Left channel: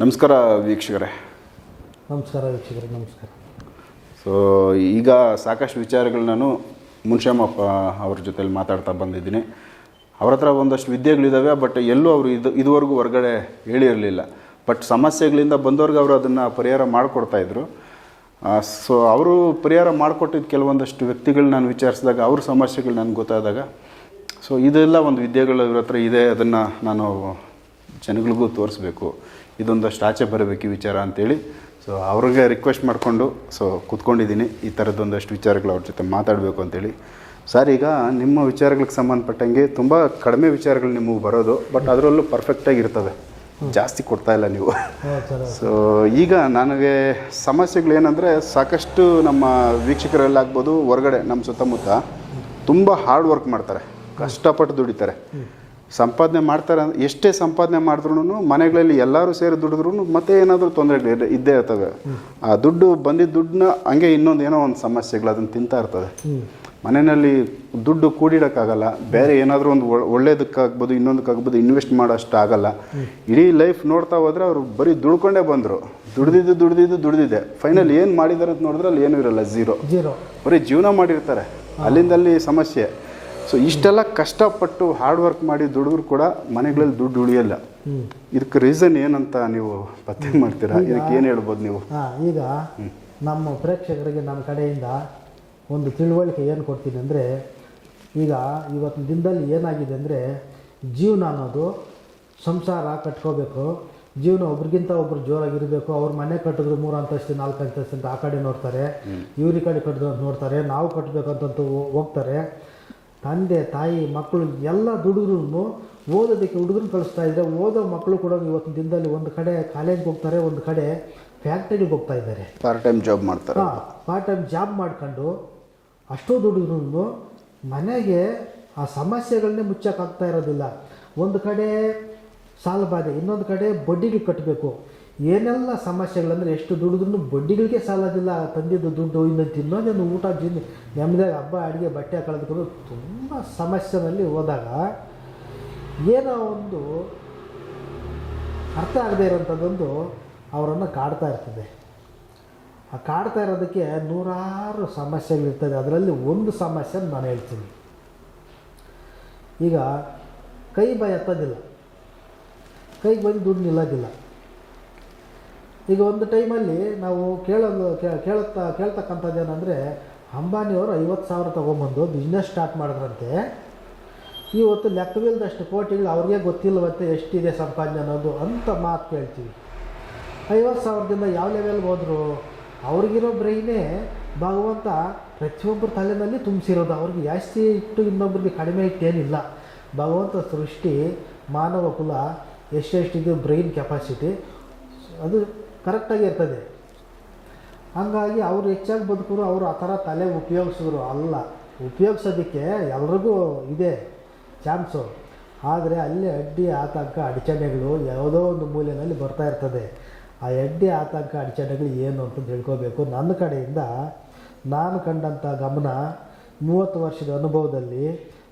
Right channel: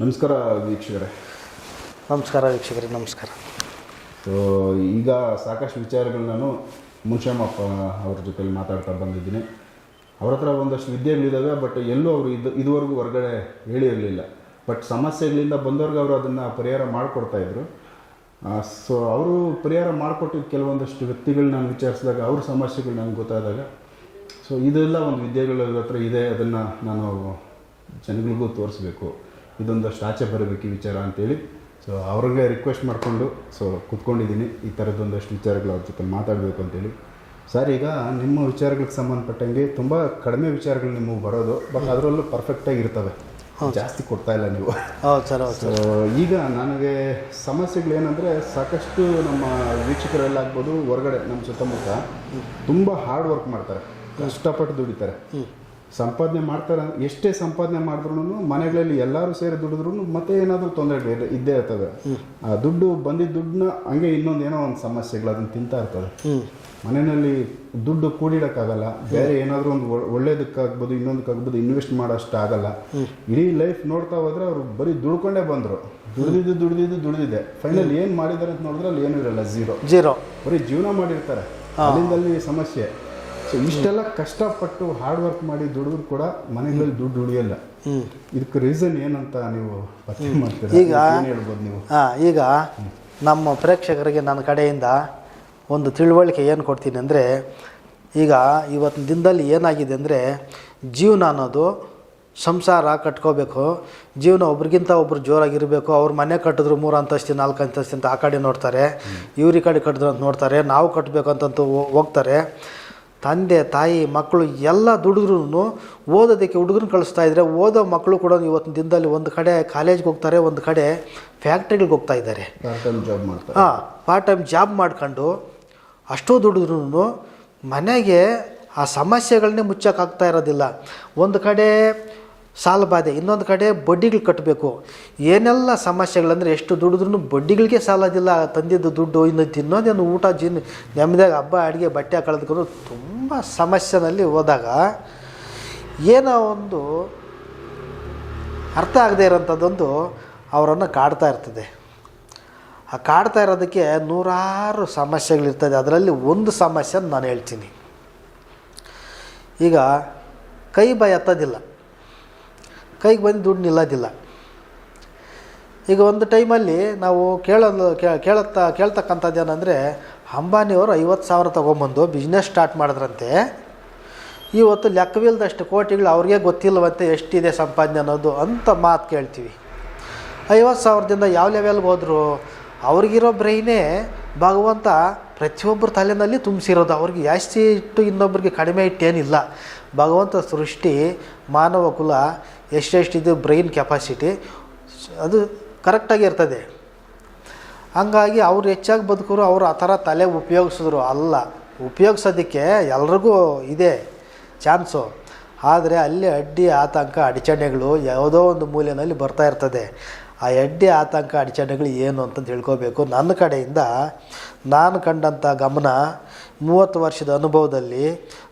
ನಮಸ್ಕಾರ ವೀಕ್ಷಕರೇ. ನಮಸ್ಕಾರ ವೀಕ್ಷಕರೇ ನಮಸ್ಕಾರ. ಸೊ ಈಗ ಸಾಕಷ್ಟು ವಿಚಾರಗಳು ನಾನು ಮುನ್ಶ್ಯಾಮಪ್ಪ ಅವ್ರ ಜೊತೆಲಿ ಮಾತಾಡ್ತಾ ಬಂದಿದ್ದೀನಿ. ಅವ್ರ ಹತ್ರ ಒಂದಷ್ಟು ವಿದ್ಯೆಗಳಿದ್ದಾವೆ ಬಟ್ ಎಲ್ಲೂ ಅವರು ಇದು ಇದುವರೆಗೂ ಹೊರಗಡೆ ಹೇಳಿರಲಿಲ್ಲ. ಬಟ್ ಸಮಸ್ಯೆಗಳಿಂದ ಬಂದವ್ರಿಗೆ ಅವರು ಅದನ್ನು ಪರಿಹಾರ ಮಾಡಿಕೊಡ್ತಾಯಿದ್ರು ಸೊ ಅವರು ಪರಿಹಾರ ಮಾಡಿಕೊಟ್ಟಿದ್ದ ಕೆಲವೊಂದಷ್ಟು ವ್ಯಕ್ತಿಗಳು ನಾನು ವಿಚಾರಿಸಿದಾಗ ಅವ್ರ ಸಮಸ್ಯೆಗಳು ನನಗೆ ಗೊತ್ತಾದಾಗ ಸೊ ಇದೆಲ್ಲ ಒಂದು ವಿದ್ಯೆಗಳು ಇವ್ರ ಹತ್ರ ಇದೆ ಅದನ್ನು ನಾನು ಜನಗಳಿಗೂ ತೋರಿಸ್ಬೇಕು. ಇದೊಂದಷ್ಟು ಆಚೆ ಬರಬೇಕು ಈ ವಿಚಾರ ಅಂತೇಳಿ. ಸೊ ಅವ್ರಿಗೆ ರಿಕ್ವೆಸ್ಟ್ ಮಾಡಿಕೊಂಡು ಸೊ ಕೂತ್ಕೊಂಡಿದ್ದೀನಿ. ಈ ಥರದ್ದೊಂದಷ್ಟು ವಿಚಾರಗಳು ಅವ್ರ ಜೊತೆ ಮಾತಾಡಬೇಕು ಅಂತೇಳಿ. ಸರ್ ಈಗ ನಿಮ್ಮ ವಿಚಾರಗಳಿಗೆ ಸಂಬಂಧಪಟ್ಟಂಗೆ ತುಂಬ ಕಡಿಮೆ ವಿಚಾರಗಳು ನಿಮಗೆ ಬರೋದು ಬಟ್ ಅದರಲ್ಲೂ ಪರ್ಫೆಕ್ಟಾಗಿ ಇರ್ತವೆ. ಜಾಸ್ತಿ ಕೊಡ್ತಾ ಇಲ್ಲ ನೀವು. ಸೊ ಈಗ ನನಗೆ ಸಮಸ್ಯೆಗಳೇನೆಂದರೆ ಸಾಕಷ್ಟು ನಮ್ಮ ವೀಕ್ಷಕರಲ್ಲಾಗ್ಬೋದು ಹೊರಗಡೆ ನಮ್ಮ ಸುತ್ತಮುತ್ತ ತುಂಬ ಹಾರ್ಡ್ ವರ್ಕ್ ಮಾಡ್ತಾರೆ. ಕಷ್ಟಪಟ್ಟು ದುಡಿತಾರೆ. ಸಂಪಾದನೆ ಮಾಡ್ತಾರೆ ಎಷ್ಟೇ ಸಂಪಾದನೆ ಮಾಡಿದ್ರು ಮನೆಗಳಲ್ಲಿ ಎಲ್ಲರೂ ಸೇರಿ ದುಡಿದ್ರು ಮತ್ತೆ ಏನಾದರೂ ತೊಂದರೆ ಇದ್ದೇ ಇರ್ತವೆ ಆ ದುಡ್ಡು ಬಂದಿದ್ದ ದುಡ್ಡನ್ನ ಹಂಗೆ ಇನ್ನೊಂದು ಏನೋ ಒಂದು ಸಮಸ್ಯೆಗಳು ಅದನ್ನು ತಿಂತಾ ಇರ್ತದೆ. ಮನೆಯಲ್ಲಿ ದುಡ್ಡು ಕೂಡಿಡೋಕ್ಕಾಗಲ್ಲ ಬೇರೆ ಏನಾದರೂ ಒಂದು ಒಳ್ಳೇದಕ್ಕಾಗ್ಬೋದು ಇನ್ನೊಂದಕ್ಕಾಗ್ಬೋದು ಇನ್ವೆಸ್ಟ್ ಮಾಡೋಷ್ಟು ಆಗಲ್ಲ ಇಡೀ ಲೈಫ್ ನೋಡ್ತಾ ಹೋದ್ರೆ ಅವರು ಬರೀ ದುಡ್ಕೊಂಡೇ ಬಂದರು. ದುಡ್ದಿದ್ದು ದುಡ್ದಿದ್ದು ದುಡ್ದಿದೆ ಫೈನಲ್ ಏನು ಮಾಡಿದ್ದಾರೆ ಅಂತ ನೋಡಿದ್ರೆ ಅಲ್ಲಿ ಏನೂ ಇರಲ್ಲ ಝೀರೋ. ಜೀರೋ ಬರೀ ಜೀವನ ಮಾಡಿರ್ತಾರೆ. ಅಲ್ಲಿಂದಲ್ಲಿ ಸಮಸ್ಯೆ. ಸೊ ಇಷ್ಟೆಲ್ಲ ಕಷ್ಟಪಟ್ಟು ಹಾರ್ಡ್ ವರ್ಕ್ ಮಾಡಿ ದುಡಿದ್ರು ಕೂಡ ಮನೆಗಳಲ್ಲಿ ದುಡ್ಡು ಉಳಿಯಲ್ಲ. ಇದಕ್ಕೆ ರೀಸನ್ ಏನಂತ ನೀವು ಪತ್ತೆ ಮಾಡ್ತೀರಾ? ಏನು ಹೇಳ್ಬೋದು ನೀವು? ಹಾಂ ಈಗ ನಮ್ಮ ಪ್ರೇಕ್ಷಕರಿಗೆ ನನ್ನ ಕಡೆಯಿಂದ ಒಂದು ತಿಳುವಳಿಕೆ ಏನು ಕೊಡ್ತೀನಿ ಅಂದರೆ ಈಗ ಇವತ್ತಿನ ದಿನದಲ್ಲಿ ಏನಾಗಿದೆ ಅಂದರೆ ಜೀವನ ಅನ್ನೋದು ಸಂಸಾರ ಕಟ್ಕೋಬೇಕು. ಜೀವನ ಒಬ್ರಿಗಿಂತ ಒಬ್ರು ಜೋರಾಗಿರಬೇಕು. ಅವ್ರ ಮನೆ ಕಟ್ಟಿದ್ರು ಮೂರು ಅಂತಸ್ತಿನ ನಾಲ್ಕು ಅಂತಸ್ತಿನ ಆ ಕಡೆ ನೋಡ್ತಾರೆ. ಇವ್ರ ಈ ಕಡೆ ಕಟ್ಟಿದ್ರು ಅಂತ ನೋಡ್ತಾರೆ. ನಾವು ಕಟ್ಟಬೇಕು ಅಂತಂತೂ ಹೋಗ್ತಾರೆ. ತಂದೆ ತಾಯಿ ಮಕ್ಕಳು ಎಲ್ಲ ದುಡಿದ್ರೂ ಓದೋದಕ್ಕೆ ಹುಡುಗರನ್ನ ಕಳಿಸ್ತಾ ಇದ್ದರೆ ಓದೋ ಮಕ್ಕಳು ಕೂಡ ಇವತ್ತಿನ ದಿನದಲ್ಲಿ ಒಂದು ಕಡೆ ಕಾಲೇಜ್ಗೆ ಹೋಗ್ತಾರೆ ಒಂದು ಕಡೆ ಫ್ಯಾಕ್ಟ್ರಿಗೆ ಹೋಗ್ತಾ ಇದ್ದಾರೆ. ಪಾರ್ಟ್ ಟೈಮ್ ಜಾಬ್ ಮಾಡ್ತಾರೆ. ಹಾಂ ಪಾರ್ಟ್ ಟೈಮ್ ಜಾಬ್ ಮಾಡ್ಕೊಂಡು ಅಷ್ಟೋ ದುಡಿದ್ರೂ ಮನೆಗೆ ಆ ಸಮಸ್ಯೆಗಳನ್ನೇ ಮುಚ್ಚೋಕ್ಕಾಗ್ತಾ ಇರೋದಿಲ್ಲ. ಒಂದು ಕಡೆ ಸಾಲ ಬಾಧೆ. ಇನ್ನೊಂದು ಕಡೆ ಬಡ್ಡಿಗಳು ಕಟ್ಟಬೇಕು ಏನೆಲ್ಲ ಸಮಸ್ಯೆಗಳಂದರೆ ಎಷ್ಟು ದುಡಿದ್ರೂ ಬಡ್ಡಿಗಳಿಗೆ ಸಾಲದಿಲ್ಲ ತಂದಿದ್ದು ದುಡ್ಡು ಇನ್ನು ತಿನ್ನೋದೇನು ಊಟ ಜಿನ್ ನೆಮ್ಮದಿಯಾಗ ಹಬ್ಬ, ಅಡುಗೆ, ಬಟ್ಟೆ ಕಳೆದುಕೊಂಡು ತುಂಬ ಸಮಸ್ಯೆನಲ್ಲಿ ಹೋದಾಗ ಏನೋ ಒಂದು ಅರ್ಥ ಆಗದೆ ಇರೋಂಥದ್ದೊಂದು ಅವರನ್ನು ಕಾಡ್ತಾ ಇರ್ತದೆ. ಆ ಕಾಡ್ತಾ ಇರೋದಕ್ಕೆ ನೂರಾರು ಸಮಸ್ಯೆಗಳಿರ್ತದೆ. ಅದರಲ್ಲಿ ಒಂದು ಸಮಸ್ಯೆ ನಾನು ಹೇಳ್ತೀನಿ. ಈಗ ಕೈ ಬಾಯಿ ಎತ್ತೋದಿಲ್ಲ ಕೈಗೆ ಬಂದು ದುಡ್ಡು ನಿಲ್ಲೋದಿಲ್ಲ. ಈಗ ಒಂದು ಟೈಮಲ್ಲಿ ನಾವು ಕೇಳೋದು, ಕೇ- ಕೇಳತ್ತ, ಕೇಳ್ತಕ್ಕಂಥದ್ದು ಏನಂದರೆ, ಅಂಬಾನಿಯವರು ಐವತ್ತು ಸಾವಿರ ತೊಗೊಂಬಂದು ಬಿಸ್ನೆಸ್ ಸ್ಟಾರ್ಟ್ ಮಾಡಿದ್ರಂತೆ. ಇವತ್ತು ಲೆಕ್ಕವಿಲ್ಲದಷ್ಟು ಕೋಟಿಗಳು ಅವ್ರಿಗೆ ಗೊತ್ತಿಲ್ಲವಂತೆ ಎಷ್ಟಿದೆ ಸಂಪಾದನೆ ಅನ್ನೋದು ಅಂತ ಮಾತು ಕೇಳ್ತೀವಿ. ಐವತ್ತು ಸಾವಿರದಿಂದ ಯಾವ ಲೆವೆಲ್ಗೆ ಹೋದರು ಅವ್ರಿಗಿರೋ ಬ್ರೈನೇ ಭಗವಂತ ಪ್ರತಿಯೊಬ್ಬರ ತಲೆಯಲ್ಲಿ ತುಂಬಿಸಿರೋದು. ಅವ್ರಿಗೆ ಜಾಸ್ತಿ ಇಟ್ಟು ಇನ್ನೊಬ್ರಿಗೆ ಕಡಿಮೆ ಇಟ್ಟೇನಿಲ್ಲ. ಭಗವಂತ ಸೃಷ್ಟಿ ಮಾನವ ಕುಲ ಎಷ್ಟೆಷ್ಟಿದೆ ಬ್ರೈನ್ ಕೆಪಾಸಿಟಿ ಅದು ಕರೆಕ್ಟಾಗಿ ಇರ್ತದೆ. ಹಂಗಾಗಿ ಅವ್ರು ಹೆಚ್ಚಾಗಿ ಬದುಕರು, ಅವರು ಆ ಥರ ತಲೆ ಉಪಯೋಗಿಸಿದ್ರು ಅಲ್ಲ. ಉಪಯೋಗಿಸೋದಕ್ಕೆ ಎಲ್ರಿಗೂ ಇದೆ ಚಾನ್ಸು. ಆದರೆ ಅಲ್ಲಿ ಅಡ್ಡಿ, ಆತಂಕ, ಅಡಚಣೆಗಳು ಯಾವುದೋ ಒಂದು ಮೂಲೆಯಲ್ಲಿ ಬರ್ತಾ ಇರ್ತದೆ. ಆ ಅಡ್ಡಿ ಆತಂಕ ಅಡಚಣೆಗಳು ಏನು ಅಂತ ತಿಳ್ಕೋಬೇಕು. ನನ್ನ ಕಡೆಯಿಂದ ನಾನು ಕಂಡಂಥ ಗಮನ ಮೂವತ್ತು ವರ್ಷದ ಅನುಭವದಲ್ಲಿ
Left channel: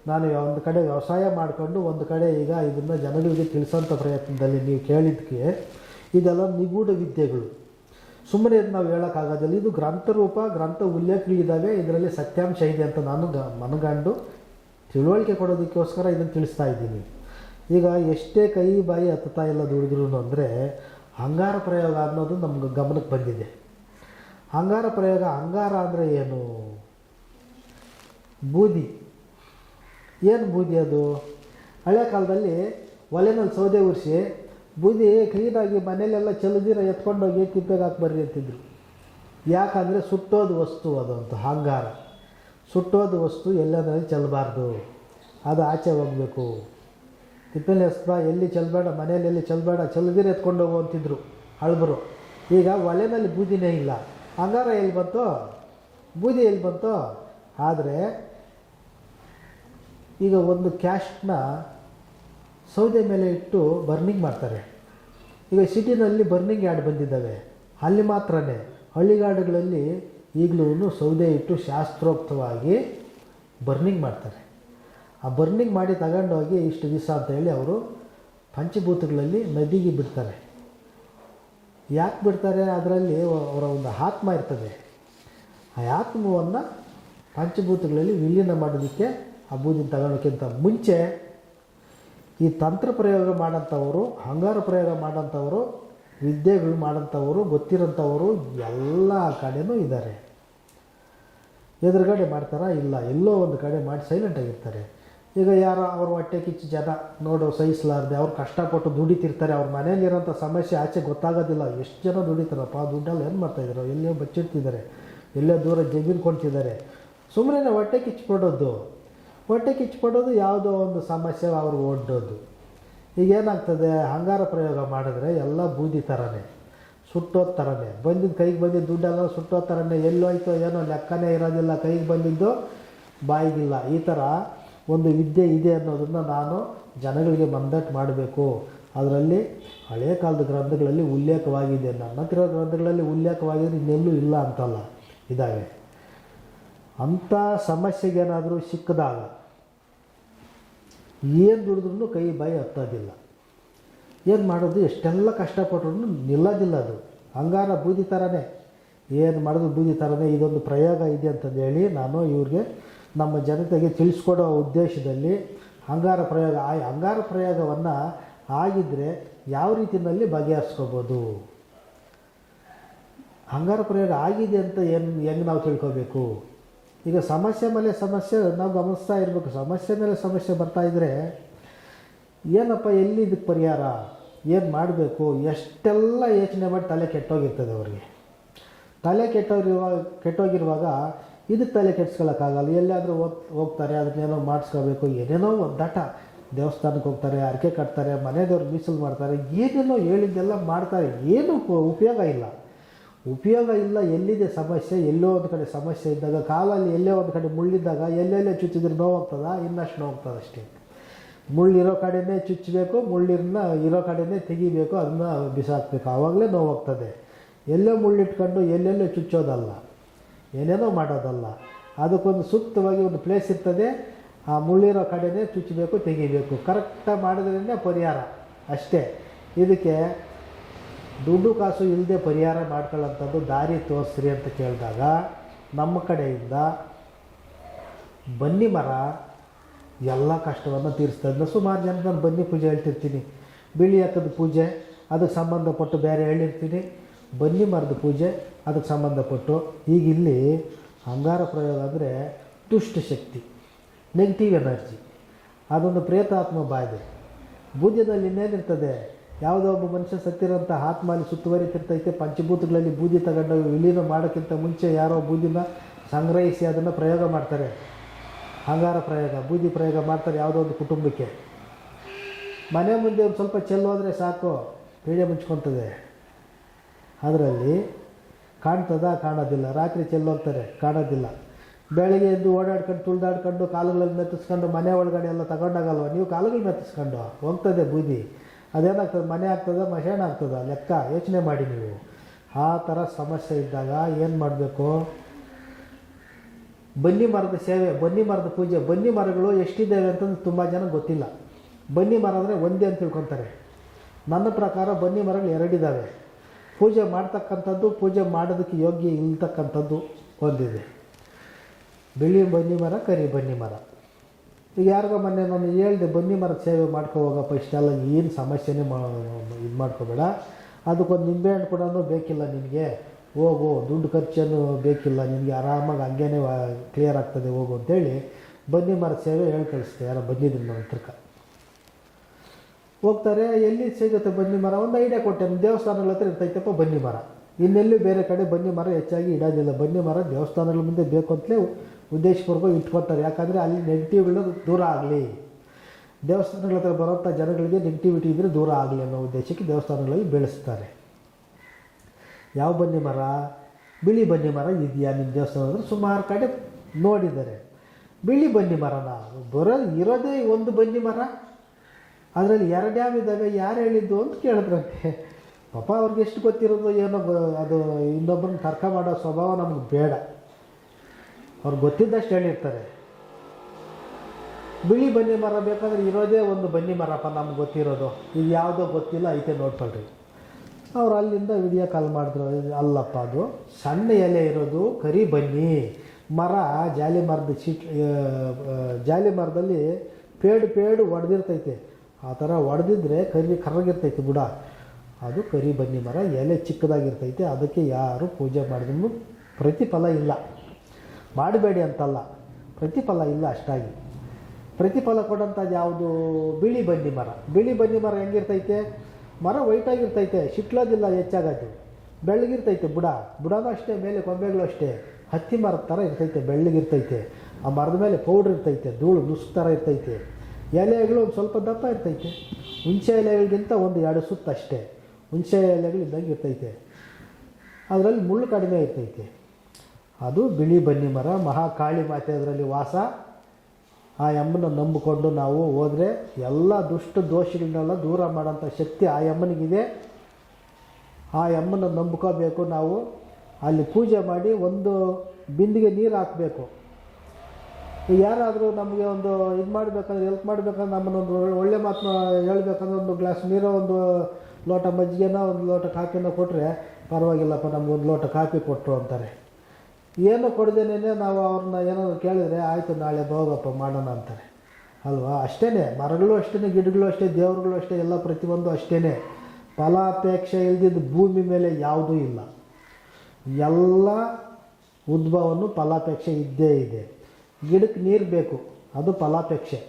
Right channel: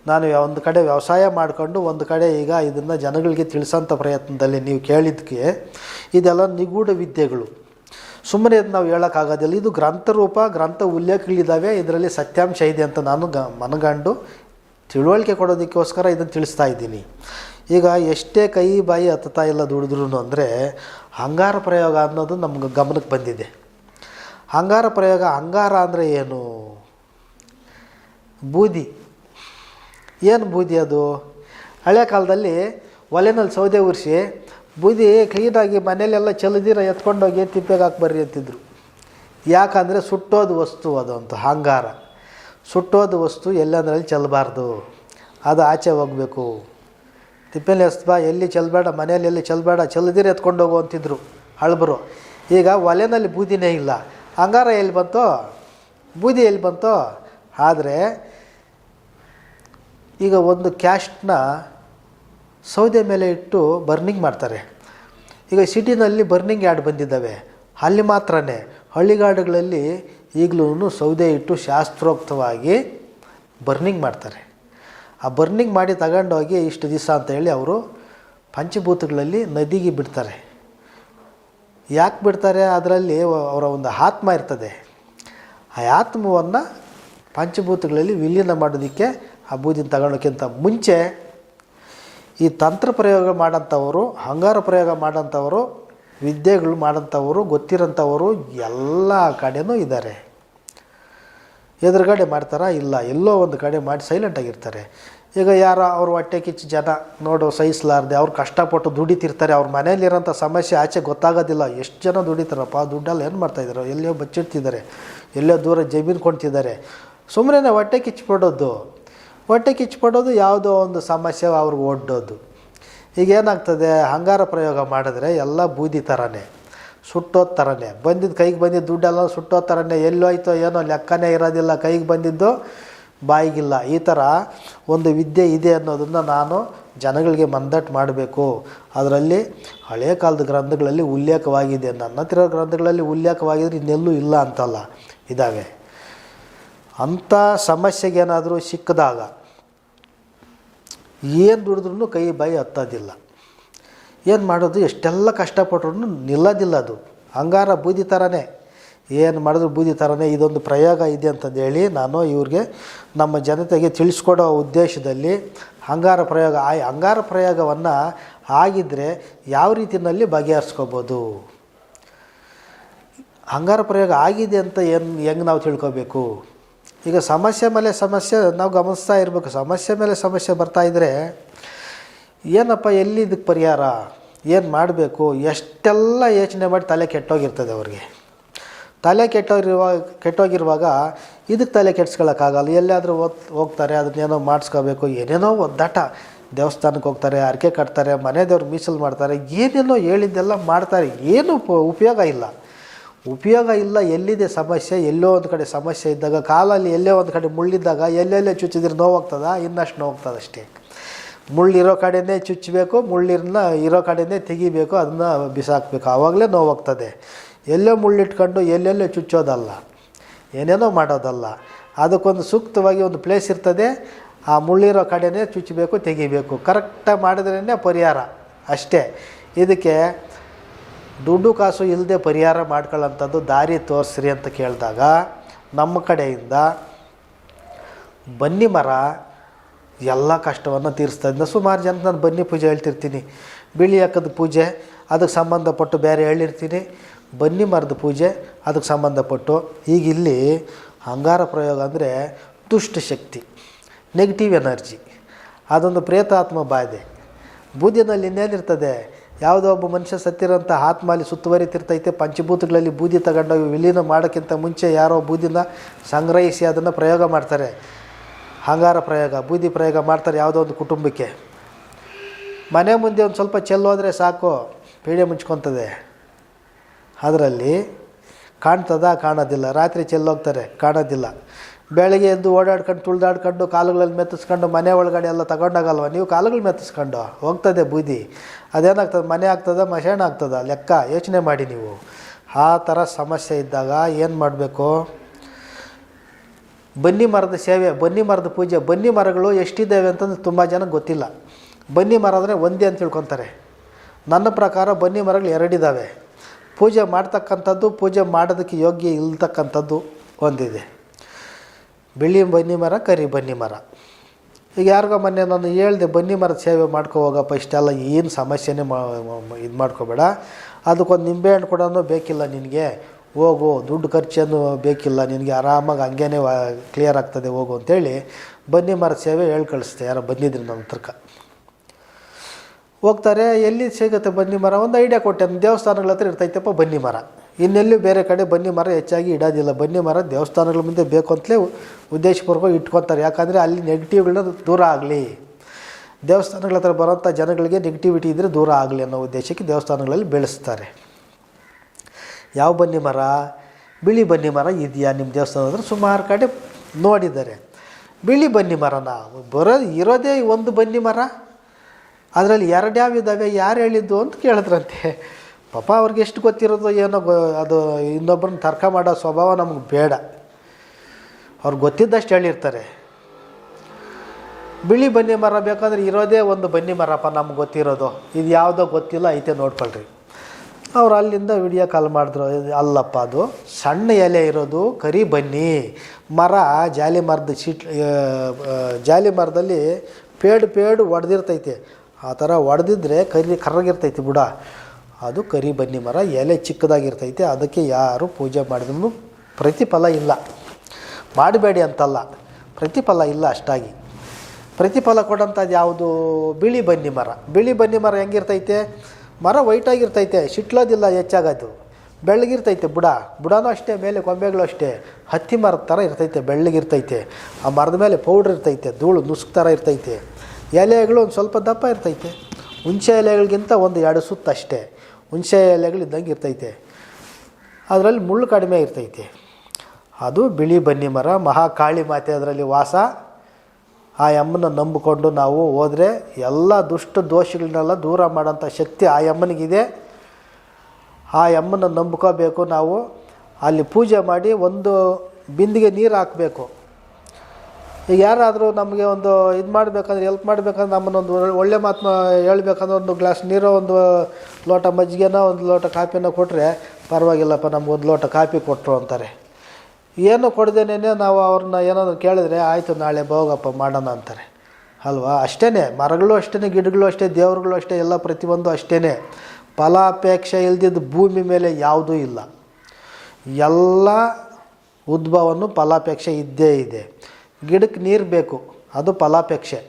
ನಾನು ಒಂದು ಕಡೆ ವ್ಯವಸಾಯ ಮಾಡಿಕೊಂಡು ಒಂದು ಕಡೆ ಈಗ ಇದನ್ನು ಜನಗಳಿಗೆ ತಿಳಿಸೋಂಥ ಪ್ರಯತ್ನದಲ್ಲಿ ನೀವು ಕೇಳಿದ್ದಕ್ಕೆ ಇದೆಲ್ಲ ನಿಗೂಢ ವಿದ್ಯೆಗಳು. ಸುಮ್ಮನೆ ನಾವು ಹೇಳೋಕ್ಕಾಗೋದಿಲ್ಲ. ಇದು ಗ್ರಂಥ ರೂಪ, ಗ್ರಂಥ ಉಲ್ಲೇಖಗಳಿದ್ದಾವೆ. ಇದರಲ್ಲಿ ಸತ್ಯಾಂಶ ಇದೆ ಅಂತ ನಾನು ಗ ಮನಗಂಡು ತಿಳುವಳಿಕೆ ಕೊಡೋದಕ್ಕೋಸ್ಕರ ಇದನ್ನು ತಿಳಿಸ್ತಾ ಇದ್ದೀನಿ. ಈಗ ಎಷ್ಟೇ ಕೈ ಬಾಯಿ ಹತ್ತುತ್ತಾ ಇಲ್ಲ ದುಡಿದ್ರು ಅಂದರೆ ಅಂಗಾರ ಪ್ರಯೋಗ ಅನ್ನೋದು ನಮ್ಗೆ ಗಮನಕ್ಕೆ ಬಂದಿದೆ. ಅಂಗಾರ ಪ್ರಯೋಗ ಅಂಗಾರ ಅಂದರೆ ಏನು? ಬೂದಿ. ಏನು ಬೂದಿ ಅದು? ಹಳೆ ಕಾಲದಲ್ಲಿ ಒಲೆನಲ್ಲಿ ಸೌದೆ ಉರಿಸಿ ಬೂದಿ ಕ್ಲೀನಾಗಿ ಮನೇಲೆಲ್ಲ ಚೆಲ್ಲದಿರ ಎತ್ಕೊಂಡೋಗಿ ತಿಪ್ಪೆಗೆ ಹಾಕಿ ಬರ್ರಿ ಅಂತಿದ್ರು. ಯಾಕಂದರೆ ಸುಟ್ಟೋದು ವಸ್ತು ಅದು ಅಂತ, ಹಂಗಾರ. ಸುಟ್ಟೋದು ವಸ್ತು ಎಲ್ಲದರಲ್ಲಿ ಚೆಲ್ಲಬಾರ್ದು ಅದು ಆಚೆ ಹೋಗಬೇಕು. ತಿಪ್ಪೆಲಿ ಬಾ, ಎಲ್ಲಿ ಚೆಲ್ಲಬೇಡ ಮನೇಲಿ ಎಲ್ಲಿ ಚೆಲ್ಲಬೇಡ ಚೆಲ್ಲದಿರಿ ಎತ್ಕೊಂಡು ಹೋಗು ಅಂತಿದ್ರು ಹಳಬರು. ಈಗ ಒಲೆನಲ್ಲಿ ಬೂದಿನೇ ಇಲ್ಲ. ಅಂಗಾರ ಎಲ್ಲಿ ಬಂತೋ, ಬೂದಿ ಎಲ್ಲಿ ಬಂತೋ, ಆದರೆ ಈಗ ಒಂದು ಕ್ಯಾಸ್ಟ್ನ ಸೌದೆ ಮೇಲೆ ಇಟ್ಟು ಬರ್ನಿಂಗ್ ಮಾಡ್ತಾರೆ. ಈಗ ಸಿಟಿನಲ್ಲಿ ಬರ್ನಿಂಗ್ ಯಾರ್ಡ್ ಬಂದಿದ್ದಾವೆ? ಅಲ್ಲಿ ಮಾತ್ರನೇ. ಹಳ್ಳಿಗಾಡುಗಳಲ್ಲಿ ಈಗಲೂ ಸೌದೆ ಇಟ್ಟು ಶಾಸ್ತ್ರೋಕ್ತವಾಗಿ ಬರ್ನಿಂಗ್ ಮಾಡ್ತಾರೆ. ಆ ಬರ್ನಿಂಗ್ ಮಾಡಿ ತಗೊಂಡೋಗಿ ಇಷ್ಟು ದಿವಸ ಅಂತ ಹೇಳಿ ಅವರು ಪಂಚಭೂತಗಳಲ್ಲಿ ನದಿಗೆ ಬಿಡ್ತಾರೆ. ಯಾಕೆ ಬಿಡ್ತಾರೆ? ಅದರಲ್ಲಿ ಅವರ ಒಂದು ಆತ್ಮ ಇರ್ತದೆ. ಆ ಆತ್ಮವನ್ನು ಪಂಚಭೂತಗಳಲ್ಲಿ ವಿಲೀನ ಮಾಡೋದಕ್ಕೆ ಆ ಬೂದಿನ ತಗೊಳ್ಳೋಕ್ಕಿಂತ ಮುಂಚೆ ಈ ತಂತ್ರ ಪ್ರಯೋಗ ಮಾಡೋಂಥವರು, ಹಂಗಾರ ಪ್ರಯೋಗ ಮಾಡೋಂಥವರು, ವಿದ್ಯೆಗಳು ಮಾಡೋಂಥವರು, ಗೊತ್ತಿರೋಂಥವರು ಎಲ್ಲ ಕಡೆಯೂ ಇದ್ದಾರೆ. ಎದುರುಗಡೆ ಮಾಡ್ತಾರಾ? ಇಲ್ಲ. ಎಲ್ಲೋ ಒಂದು ಕಡೆ ಮಾಡಿ ಸೈಲೆಂಟಾಗಿರ್ತಾರೆ ಈಗ ಯಾರೋ ಅವ್ರ ಹೊಟ್ಟೆ ಕಿಚ್ಚು ಜನ ನೋಡು ಸಹಿಸಲಾರ್ದೆ, ಅವ್ರು ಕಷ್ಟಪಟ್ಟು ದುಡಿತಿರ್ತಾರೆ, ಅವ್ರ ಮನೇಲಿರೋಂಥ ಸಮಸ್ಯೆ ಆಚೆ ಗೊತ್ತಾಗೋದಿಲ್ಲ. ಎಷ್ಟು ಜನ ದುಡಿತಾರಪ್ಪ? ದುಡ್ಡಲ್ಲಿ ಏನು ಮಾಡ್ತಾಯಿದ್ರು? ಎಲ್ಲೋ ಬಚ್ಚಿಡ್ತಿದ್ದಾರೆ ಎಲ್ಲೋ ದೂರ ಜಮೀನು ಕೊಡ್ತಿದ್ದಾರೆ. ಸುಮ್ಮನೆ ಹೊಟ್ಟೆ ಕಿಚ್ಚು ಪಡೋದು ಹೊಟ್ಟೆ ಕಿಚ್ಚು ಪಡೋದು ಯಾವುದೋ ಒಂದು ಸಮಸ್ಯೆ ಅವ್ರಿಗೆ ಒಡ್ಡೋದು. ಈಗ ಏನಾಗ್ತದೆ? ಹಂಗಾರ ಪ್ರಯೋಗ ಮಾಡಿದ್ರೆ ಎಲ್ಲ ಬೂದಿ ಥರನೇ ಸುಟ್ಟೋ ಥರನೇ ಬಂದಿದ್ದು ಕೈಗೆ ಬಂದಿದ್ದು ದುಡ್ಡೆಲ್ಲ ಸುಟ್ಟೋದ ಥರನೇ ಎಲ್ಲೋಯ್ತೋ ಏನೋ ಲೆಕ್ಕನೇ ಇರೋದಿಲ್ಲ ಕೈಗೆ ಬಂದಿದ್ದು. ಬಾಯಿಗಿಲ್ಲ. ಈ ಥರ ಒಂದು ವಿದ್ಯೆ ಇದೆ ಅನ್ನೋದನ್ನು ನಾನು ಜನಗಳಿಗೆ ಮಂದಟ್ಟು ಮಾಡಬೇಕು. ಅದರಲ್ಲಿ ಹಳೆಯ ಕಾಲದ ಗ್ರಂಥಗಳಲ್ಲಿ ಉಲ್ಲೇಖವಾಗಿದೆ. ನನ್ನ ಹತ್ತಿರ ಗ್ರಂಥಗಳಲ್ಲಿ ಉಲ್ಲೇಖವಾಗಿದ್ರೆ ಇನ್ನೆಲ್ಲೂ ಇಲ್ಲ ಅಂತಲ್ಲ. ಇದ್ದಾವೆ ಅಂಥ ಸಮಸ್ಯೆಗೇನಾದರೂ ಸಿಕ್ಕಿದಾಗ ಏನು ದುಡಿದ್ರೂ ಕೈ ಬಾಯಿ ಹತ್ತೋದಿಲ್ಲ. ಏನು ಮಾಡೋದು? ಎಷ್ಟೆಲ್ಲ ಕಷ್ಟಪಟ್ರು ನಿಲ್ಲೋದಿಲ್ಲ ಅದು. ಹಂಗಾರ ಬೂದಿ ಥರನೇ ಏನು ಮಾಡಿದ್ರು ಬೂದಿ ಥರನೇ ಇದೊಂದು ಪ್ರಯೋಗ ಇದೆ ಅಂತಂದೇಳಿ ನಾನು ಇವ್ರಿಗೆ ನಮ್ಮ ಜನತೆಗೆ ತಿಳಿಸ್ಕೊಡೋ ಉದ್ದೇಶದಲ್ಲಿ ಹಂಗಾರ ಪ್ರಯೋಗ. ಆ ಹಂಗಾರ ಪ್ರಯೋಗವನ್ನು ಆಗಿದ್ದರೆ ಯಾವ ರೀತಿಯಲ್ಲಿ ಬಗೆಹರಿಸ್ಕೋಬೋದು? ಹಂಗಾರ ಪ್ರಯೋಗ ಆಗಿದೆ ಅಂತ ಏನು, ಹೆಂಗೆ ನಾವು ತಿಳ್ಕೊಬೇಕು? ಈಗ ಸಮಸ್ಯೆ ಮೇಲೆ ಸಮಸ್ಯೆ ನಾವು ಗಮನಿಸ್ತಾ ಇರಬೇಕು. ಸಮಸ್ಯೆ ಮೇಲೆ ಸಮಸ್ಯೆ ಬರ್ತಾಯಿದ್ರೆ ಏನಪ್ಪ ಎಲ್ಲಿ ಇದಕ್ಕೆ ಪರಿಹಾರ? ಏನು ಮಾಡಬೇಕು? ಎಷ್ಟೆಲ್ಲ ಯೋಚನೆ ಮಾಡಿ ತಲೆ ಕೆಟ್ಟೋಗಿರ್ತದೆ ಅವ್ರಿಗೆ. ತಲೆ ಕೆಟ್ಟೋಗಿರುವಾಗ ಕೆಟ್ಟೋಗಿರುವಾಗ ಇದಕ್ಕೆ ತಲೆ ಕೆಡ್ಸ್ಕೊಳಕ್ಕಾಗಲ್ಲ ಎಲ್ಲಾದರೂ ಹೋಗ್, ಹೋಗ್ತಾರೆ, ಅದನ್ನೇನೋ ಮಾಡಿಸ್ಕೋಬೇಕು, ಏನೇನೋ ಒದ್ದಾಟ. ದೇವಸ್ಥಾನಕ್ಕೆ ಹೋಗ್ತಾರೆ ಅರ್ಕೆ ಕಟ್ತಾರೆ, ಮನೆ ದೇವ್ರು ಮೀಸಲು ಮಾಡ್ತಾರೆ, ಏನೇನೋ ಹೇಳಿದ್ದೆಲ್ಲ ಮಾಡ್ತಾರೆ. ಏನು ಉಪ- ಉಪಯೋಗ ಇಲ್ಲ. ಉಪಯೋಗ ಇಲ್ಲ, ಎಲ್ಲಿದೆ ಸಮಸ್ಯೆ, ಎಲ್ಲೋ ಒಂದು ಕಡೆ ಸಮಸ್ಯೆ ಇದ್ದಾಗ, ಕಾಲಲ್ಲಿ ಎಲ್ಲೋ ಒಂದು ಕಡೆ ಮುಳ್ಳಿದ್ದಾಗ, ಎಲ್ಲೆಲ್ಲೇ ಚುಚ್ಚಿದ್ರೆ ನೋವಾಗ್ತದ, ಇನ್ನಷ್ಟು ನೋವಾಗ್ತದೆ ಅಷ್ಟೇ. ಮುಳ್ಳಿರೋ ಕಡೆನೇ ಚುಚ್ಚಬೇಕು ಮುಳ್ಳಿರನ್ನ ಇರೋ ಕಡೆನೇ ತೆಗಿಬೇಕು, ಅದನ್ನ ಬಿಸಾಕಬೇಕು. ಆವಾಗಲೇ ನೋವಾಗ್ತದೆ. ಎಲ್ಲೋ ಮುಳ್ಳಿಟ್ಕೊಂಡು ಎಲ್ಲೆಲ್ಲೋ ಚುಚ್ಚೋದಲ್ಲ, ಏನೇನೋ ಮಾಡೋದಲ್ಲ, ಅದಕ್ಕೊಂದು ಸೂಕ್ತವಾಗಿ ಒಂದು ಪ್ಲೇಸ್ ಇರ್ತದೆ, ಆ ಮುಳ್ಳಿರೋ ಕಡೆನೇ ಚುಚ್ಚಬೇಕು, ತೆಗಿಬೇಕು. ಕರೆಕ್ಟಾಗಿ ಮಾಡಿದ್ರೇ ಪರಿಹಾರ ಅಷ್ಟೇ. ಇದಕ್ಕೆ ದುಡ್ಡು ಕಾಸು ಇಲ್ಲದೆ ಪರಿಹಾರ ಮಾಡ್ಕೊಳ್ಳೋಂಥದ್ದು ದಾರಿ ತೋರಿಸ್ರಿ ಅಂತ ಕೇಳಿದಾಗ ನಮ್ಮ ಕಡೆಯಿಂದ ಬನ್ನಿ ಮರ, ಎಲ್ಲ ಕಷ್ಟವನ್ನು ತೀರಿಸ್ತದೆ. ಸುಮಾರು ಜನ ನಾನು ಬನ್ನಿ ಪೂಜೆ ಹೇಳ್ತಿರ್ತೀನಿ. ಬಿಳಿ ಹಾಕದ ಪೂಜೆ, ಅದಕ್ಕೆ ಸಂಬಂಧಪಟ್ಟು ಬೇರೆ ಹೇಳಿರ್ತೀನಿ. ಬನ್ನಿ ಮರದ ಪೂಜೆ, ಅದಕ್ಕೆ ಸಂಬಂಧಪಟ್ಟು. ಈಗ ಇಲ್ಲಿ ಅಂಗಾರ ಪ್ರಯೋಗ ಅಂದರೆ ದುಷ್ಟಶಕ್ತಿ ನೆಗೆಟಿವ್ ಎನರ್ಜಿ ಅದೊಂದು ಪ್ರೇತಾತ್ಮ ಬಾಧೆ. ಬೂದಿನಲ್ಲಿ ಇನ್ನೇನಿರ್ತದೆ ಯಾವುದೋ ಒಬ್ಬ ಮನುಷ್ಯ ಸತ್ತಿರೋಂಥ ಆತ್ಮ ಅಲ್ಲಿ ಸುತ್ತುವರಿತಿರ್ತೈತೆ, ಪಂಚಭೂತಗಳಲ್ಲಿ ಬೂದಿ ತಗೊಂಡು ವಿಲೀನ ಮಾಡೋಕ್ಕಿಂತ ಮುಂಚೆ ಯಾರೋ ಬೂದಿನ ಸಂಗ್ರಹಿಸಿ ಅದನ್ನು ಪ್ರಯೋಗ ಮಾಡ್ತಾರೆ. ಹಂಗಾರ ಪ್ರಯೋಗ, ಬೂದಿ ಪ್ರಯೋಗ ಮಾಡ್ತಾರೆ ಯಾವುದೋ ಒಂದು ಕುಟುಂಬಕ್ಕೆ. ಮನೆ ಮುಂದೆ ಒಂದು ಸ್ವಲ್ಪ ಚೆಲ್ಲೋದ್ರೆ ಸಾಕು, ಪೀಡೆ ಮುಚ್ಕೊತದೆ. ಅದರಲ್ಲಿ ಕಾಣ್ತದ ಕಾಣೋದಿಲ್ಲ. ರಾತ್ರಿ ಚೆಲ್ಲೋಗ್ತಾರೆ, ಕಾಣೋದಿಲ್ಲ. ಬೆಳಗ್ಗೆ ಎದ್ದು ಓಡಾಡ್ಕೊಂಡು, ತುಳಿದಾಡ್ಕೊಂಡು, ಕಾಲುಗಳಲ್ಲಿ ಮೆತ್ತಿಸ್ಕೊಂಡು, ಮನೆ ಒಳಗಡೆ ಎಲ್ಲ ತಗೊಂಡಾಗಲ್ವ? ನೀವು ಕಾಲುಗಳು ಮೆತ್ತಿಸ್ಕೊಂಡು, ಹೋಗ್ತದೆ ಬೂದಿ. ಅದೇನಾಗ್ತದೆ? ಮನೆ ಆಗ್ತದೆ ಮಶಾಣ ಆಗ್ತದ? ಲೆಕ್ಕ, ಯೋಚನೆ ಮಾಡಿ ನೀವು. ಆ ಥರ ಸಮಸ್ಯೆ ಇದ್ದಾಗ ಏನು ಮಾಡಬೇಕು? ಬನ್ನಿ ಮರದ ಸೇವೆ, ಬನ್ನಿ ಮರದ ಪೂಜೆ, ಬನ್ನಿ ಮರಗಳು ಎಷ್ಟಿದ್ದಾವೆ ಅಂತಂದು ತುಂಬ ಜನ ಗೊತ್ತಿಲ್ಲ. ಬನ್ನಿ ಮರ ಅಂದರೆ ಒಂದೇ ಅಂತ ತಿಳ್ಕೊತಾರೆ. ನನ್ನ ಪ್ರಕಾರ ಬನ್ನಿ ಮರಗಳು ಎರಡಿದ್ದಾವೆ ಪೂಜೆ ಮಾಡ್ತಕ್ಕಂಥದ್ದು, ಪೂಜೆ ಮಾಡೋದಕ್ಕೆ ಯೋಗ್ಯ ಇಲ್ತಕ್ಕಂಥದ್ದು ಒಂದಿದೆ. ಬಿಳಿ ಬನ್ನಿ ಮರ, ಕರಿ ಬನ್ನಿ ಮರ. ಈಗ ಯಾರಿಗೋ ಮೊನ್ನೆ ನಾನು ಹೇಳಿದೆ, ಬನ್ನಿ ಮರದ ಸೇವೆ ಮಾಡ್ಕೊ ಹೋಗಪ್ಪ ಇಷ್ಟೆಲ್ಲ ಏನು ಸಮಸ್ಯೆನೇ ಮಾ ಇದು ಮಾಡ್ಕೋಬೇಡ. ಅದಕ್ಕೊಂದು ನಿಂಬೆಹಣ್ಣು ಕೂಡ ಬೇಕಿಲ್ಲ ನಿನಗೆ. ಹೋಗು, ದುಡ್ಡು ಖರ್ಚೇನು ಬೇಕಿಲ್ಲ ನಿನಗೆ, ಆರಾಮಾಗಿ ಹಂಗೇನೆ ಕ್ಲಿಯರ್ ಆಗ್ತದೆ, ಹೋಗು ಅಂತೇಳಿ ಬನ್ನಿ ಮರದ ಸೇವೆ ಹೇಳಿ ಕಳಿಸ್ತೆ ಯಾರೋ ಬಂದಿದ್ರು ನನ್ನ ಹತ್ರಕ್ಕೆ. ಹೋಗ್ತಾರೆ, ಎಲ್ಲಿ ಸಿಗುತ್ತೆ ಬನ್ನಿ ಮರ? ಒಂದು ಐಡಿಯಾ ಕೊಟ್ಟೆ ದೇವಸ್ಥಾನಗಳ ಹತ್ರ ಇರ್ತೈತಪ್ಪ ಬನ್ನಿ ಮರ. ಇನ್ನೆಲ್ಲೂ ಬೇರೆ ಕಡೆ ಬನ್ನಿ ಮರ ಹೆಚ್ಚಾಗಿ ಇಡೋದಿಲ್ಲ. ಬನ್ನಿ ಮರ ದೇವಸ್ಥಾನಗಳ ಮುಂದೆ ಬೇಕು ಅಂತಲೇ ಉದ್ದೇಶಪೂರ್ವಕವಾಗಿ ಇಟ್ಕೊತಾರೆ. ಯಾಕಂದರೆ ಅಲ್ಲಿ ನೆಗೆಟಿವ್ಗಳನ್ನ ದೂರ ಆಗಲಿ. ದೇವಸ್ಥಾನಗಳ ಹತ್ರ ಬರೋಂಥ ಜನಗಳಿಗೆ ನೆಗೆಟಿವಿಟಿ ಇದ್ದರೆ ದೂರ ಆಗಲಿ ಅನ್ನೋ ಉದ್ದೇಶಕ್ಕೆ ದೇವಸ್ಥಾನಗಳಲ್ಲಿ ಬೆಳೆಸ್ತಾರೆ. ಯಾವ ಬನ್ನಿ ಮರ? ಬಿಳಿ ಬನ್ನಿ ಮರ ಇದೆಯಾ? ನಿಮ್ಮ ದೇವಸ್ಥಾನ ಹತ್ರ ಸುಮಾರು ಕಡೆ ನೋಡಿದ್ದಾರೆ. ಬಿಳಿ ಬನ್ನಿ ಮರನ, ಬರೋ, ಇರೋದೇ ಒಂದು ಬನ್ನಿ ಮರ? ಅದರಲ್ಲಿ ಎರಡು ಯಾವ ಇದ್ದಾವೆ ಯಾರು ಹೇಳಿದ್ದು ಅಂತ ಕೇಳಿದ್ರಂತೆ. ಪಾಪ ಅವ್ರಿಗೆ ಎಷ್ಟು ಗೊತ್ತಿರೋದು ಏನೋ ಅದು ಇನ್ನೊಬ್ಬರನ್ನ ತರ್ಕ ಮಾಡೋ ಸ್ವಭಾವ ನಮಗೆ ಬೇಡ. ಅವ್ರು ಗೊತ್ತಿದ್ದಷ್ಟು ಹೇಳಿರ್ತಾರೆ. ಬಿಳಿ ಬನ್ನಿ ಮರ ಬೇಕಂದ್ರೆ ಇರೋದೇ ಒಂದು ಬನ್ನಿ ಮರಪ್ಪ ನಮ್ಗೆ ಗೊತ್ತಿರೋದು. ಇದು ಯಾವುದೋ ಗೊತ್ತಿಲ್ಲ ಐತೆ ನೋಡ್ಕೊಳ್ರಿ. ಅವ್ರು ಅಲ್ಲಿಂದ ವಿಡಿಯೋ ಕಾಲ್ ಮಾಡಿದ್ರು ಅಲ್ಲಪ್ಪ ಅದು. ಸಣ್ಣ ಎಲೆ ಇರೋದು ಕರಿ ಬನ್ನಿ. ಮರ ಜಾಲಿ ಮರದ ಆ, ಜಾಲಿ ಮರದಲ್ಲಿ ಪೇಡು ಪೇಡು ಒಡೆದಿರ್ತೈತೆ. ಆ ಥರ ಒಡೆದಿದ್ರೆ ಕರಿ ಕರ್ರಗಿರ್ತೈತಿ ಬುಡ. ಅದು ಕರಿ ಬನ್ನಿ ಮರ, ಎಲೆ ಚಿಕ್ಕದಾಗಿರ್ತೈತೆ, ಅದಕ್ಕೆ ಯಾರು ಪೂಜೆ ಮಾಡಿದ್ರು ಪ್ರತಿಫಲ ಇಲ್ಲ. ಮಾಡಬೇಡಿ ಅಂತಲ್ಲ. ಪ್ರತಿಫಲ ಇಲ್ಲ ಅಷ್ಟಾಗಿ. ಪ್ರತಿಫಲ ಕೊಡೋಂಥದ್ದು ಯಾವುದು? ಬಿಳಿ ಬನ್ನಿ ಮರ. ಬಿಳಿ ಬನ್ನಿ ಮರ ಹೆಂಗಿರ್ತೈತೆ? ಮರ ವೈಟಾಗಿರ್ತೈತೆ ಸಿಟ್ಲೋದಿಲ್ಲ ಹೆಚ್ಚಾಗೋದು. ಬೆಳ್ಳಗಿರ್ತೈತೆ ಬುಡ. ಬುಡನೂ ಅಷ್ಟೇ, ಮೇಲೆ ಕೊಂಬೆಗಳು ಅಷ್ಟೇ. ಹತ್ತಿ ಮರದ ಥರ ಇರ್ತೈತೆ, ಬೆಳ್ಳಗಿರ್ತೈತೆ. ಆ ಮರದ ಮೇಲೆ ಪೌಡ್ರ್ ಇರ್ತೈತೆ, ಧೂಳು ನುಸುಕ್ ಥರ ಇರ್ತೈತೆ. ಎಲೆಗಳು ಒಂದು ಸ್ವಲ್ಪ ದಪ್ಪ ಇರ್ತೈತೆ. ಹುಣಸೆ ಎಲೆಗಳಿಗಿಂತ ಒಂದು ಎರಡು ಸುತ್ತ ಅಷ್ಟೇ. ಹುಣಸೆ ಎಲೆಗಳು ಇದ್ದಂಗೆ ಇರ್ತೈತೆ. ಅದರಲ್ಲಿ ಮುಳ್ಳು ಕಡಿಮೆ ಇರ್ತೈತೆ. ಅದು ಬಿಳಿ ಬನ್ನಿ ಮರ ಮಹಾಕಾಳಿ ಮಾತೆ ಅದರಲ್ಲಿ ವಾಸ. ಆ ಅಮ್ಮನ ನಂಬಿಕೊಂಡು ನಾವು ಹೋದರೆ ಎಲ್ಲ ದುಷ್ಟ ದೋಷಗಳನ್ನೆಲ್ಲ ದೂರ ಮಾಡೋಂಥ ಶಕ್ತಿ ಆ ಅಮ್ಮನಿಗಿದೆ. ಆ ಅಮ್ಮನ ನಂಬ್ಕೋಬೇಕು ನಾವು. ಅಲ್ಲಿ ಪೂಜೆ ಮಾಡಿ ಒಂದು ಬಿಂದಿಗೆ ನೀರು ಹಾಕಬೇಕು. ಯಾರಾದರೂ ನಮಗೆ ಒಂದು ಇದು ಮಾಡಬೇಕಂದ್ರೆ ಹೆಲ್ಪ್ ಮಾಡಬೇಕಂದ್ರೆ ನಮ್ಮನ್ನೊಂದು ಒಳ್ಳೆ ಮಾತು ಹೇಳ್ಬೇಕಂದ್ರೆ ಒಂದು ಗ್ಲಾಸ್ ನೀರೋ ಒಂದು ಲೋಟ ಮಜ್ಜಿಗೆನೋ ಒಂದು ಲೋಟ ಕಾಫಿನೋ ಕೊಟ್ಟರೆ ಪರವಾಗಿಲ್ಲಪ್ಪ ನಮಗೊಂದು ಲೋಟ ಕಾಫಿ ಕೊಟ್ಟರು ಅಂತಾರೆ. ಏನು ಕೊಡ್ದೇನೆ ನಾವು ಅವ್ರನ್ನ ಏನಾದರೂ ಕೇಳಿದ್ರೆ, ಆಯಿತು ನಾಳೆ ಬೋಗಪ್ಪ ಮಾಡೋಣ ಅಂತಾರೆ. ಅಲ್ವಾ? ಅಷ್ಟೇ ಮರಗಳು ಅಷ್ಟೇ ಗಿಡಗಳು ಅಷ್ಟೇ, ದೇವ್ರುಗಳು ಅಷ್ಟೇ, ಎಲ್ಲ ಪ್ರತಿಯೊಂದು ಅಷ್ಟೇ ಫಲಾಪೇಕ್ಷೆ ಇಲ್ದಿದ್ದ ಭೂಮಿ ಮೇಲೆ ಯಾವುದೂ ಇಲ್ಲ. ಎಲ್ಲ ಉದ್ಭವನು ಫಲಾಪೇಕ್ಷೆ ಇದ್ದೇ ಇದೆ. ಗಿಡಕ್ಕೆ ನೀರು ಬೇಕು, ಅದು ಫಲಾಪೇಕ್ಷೆ.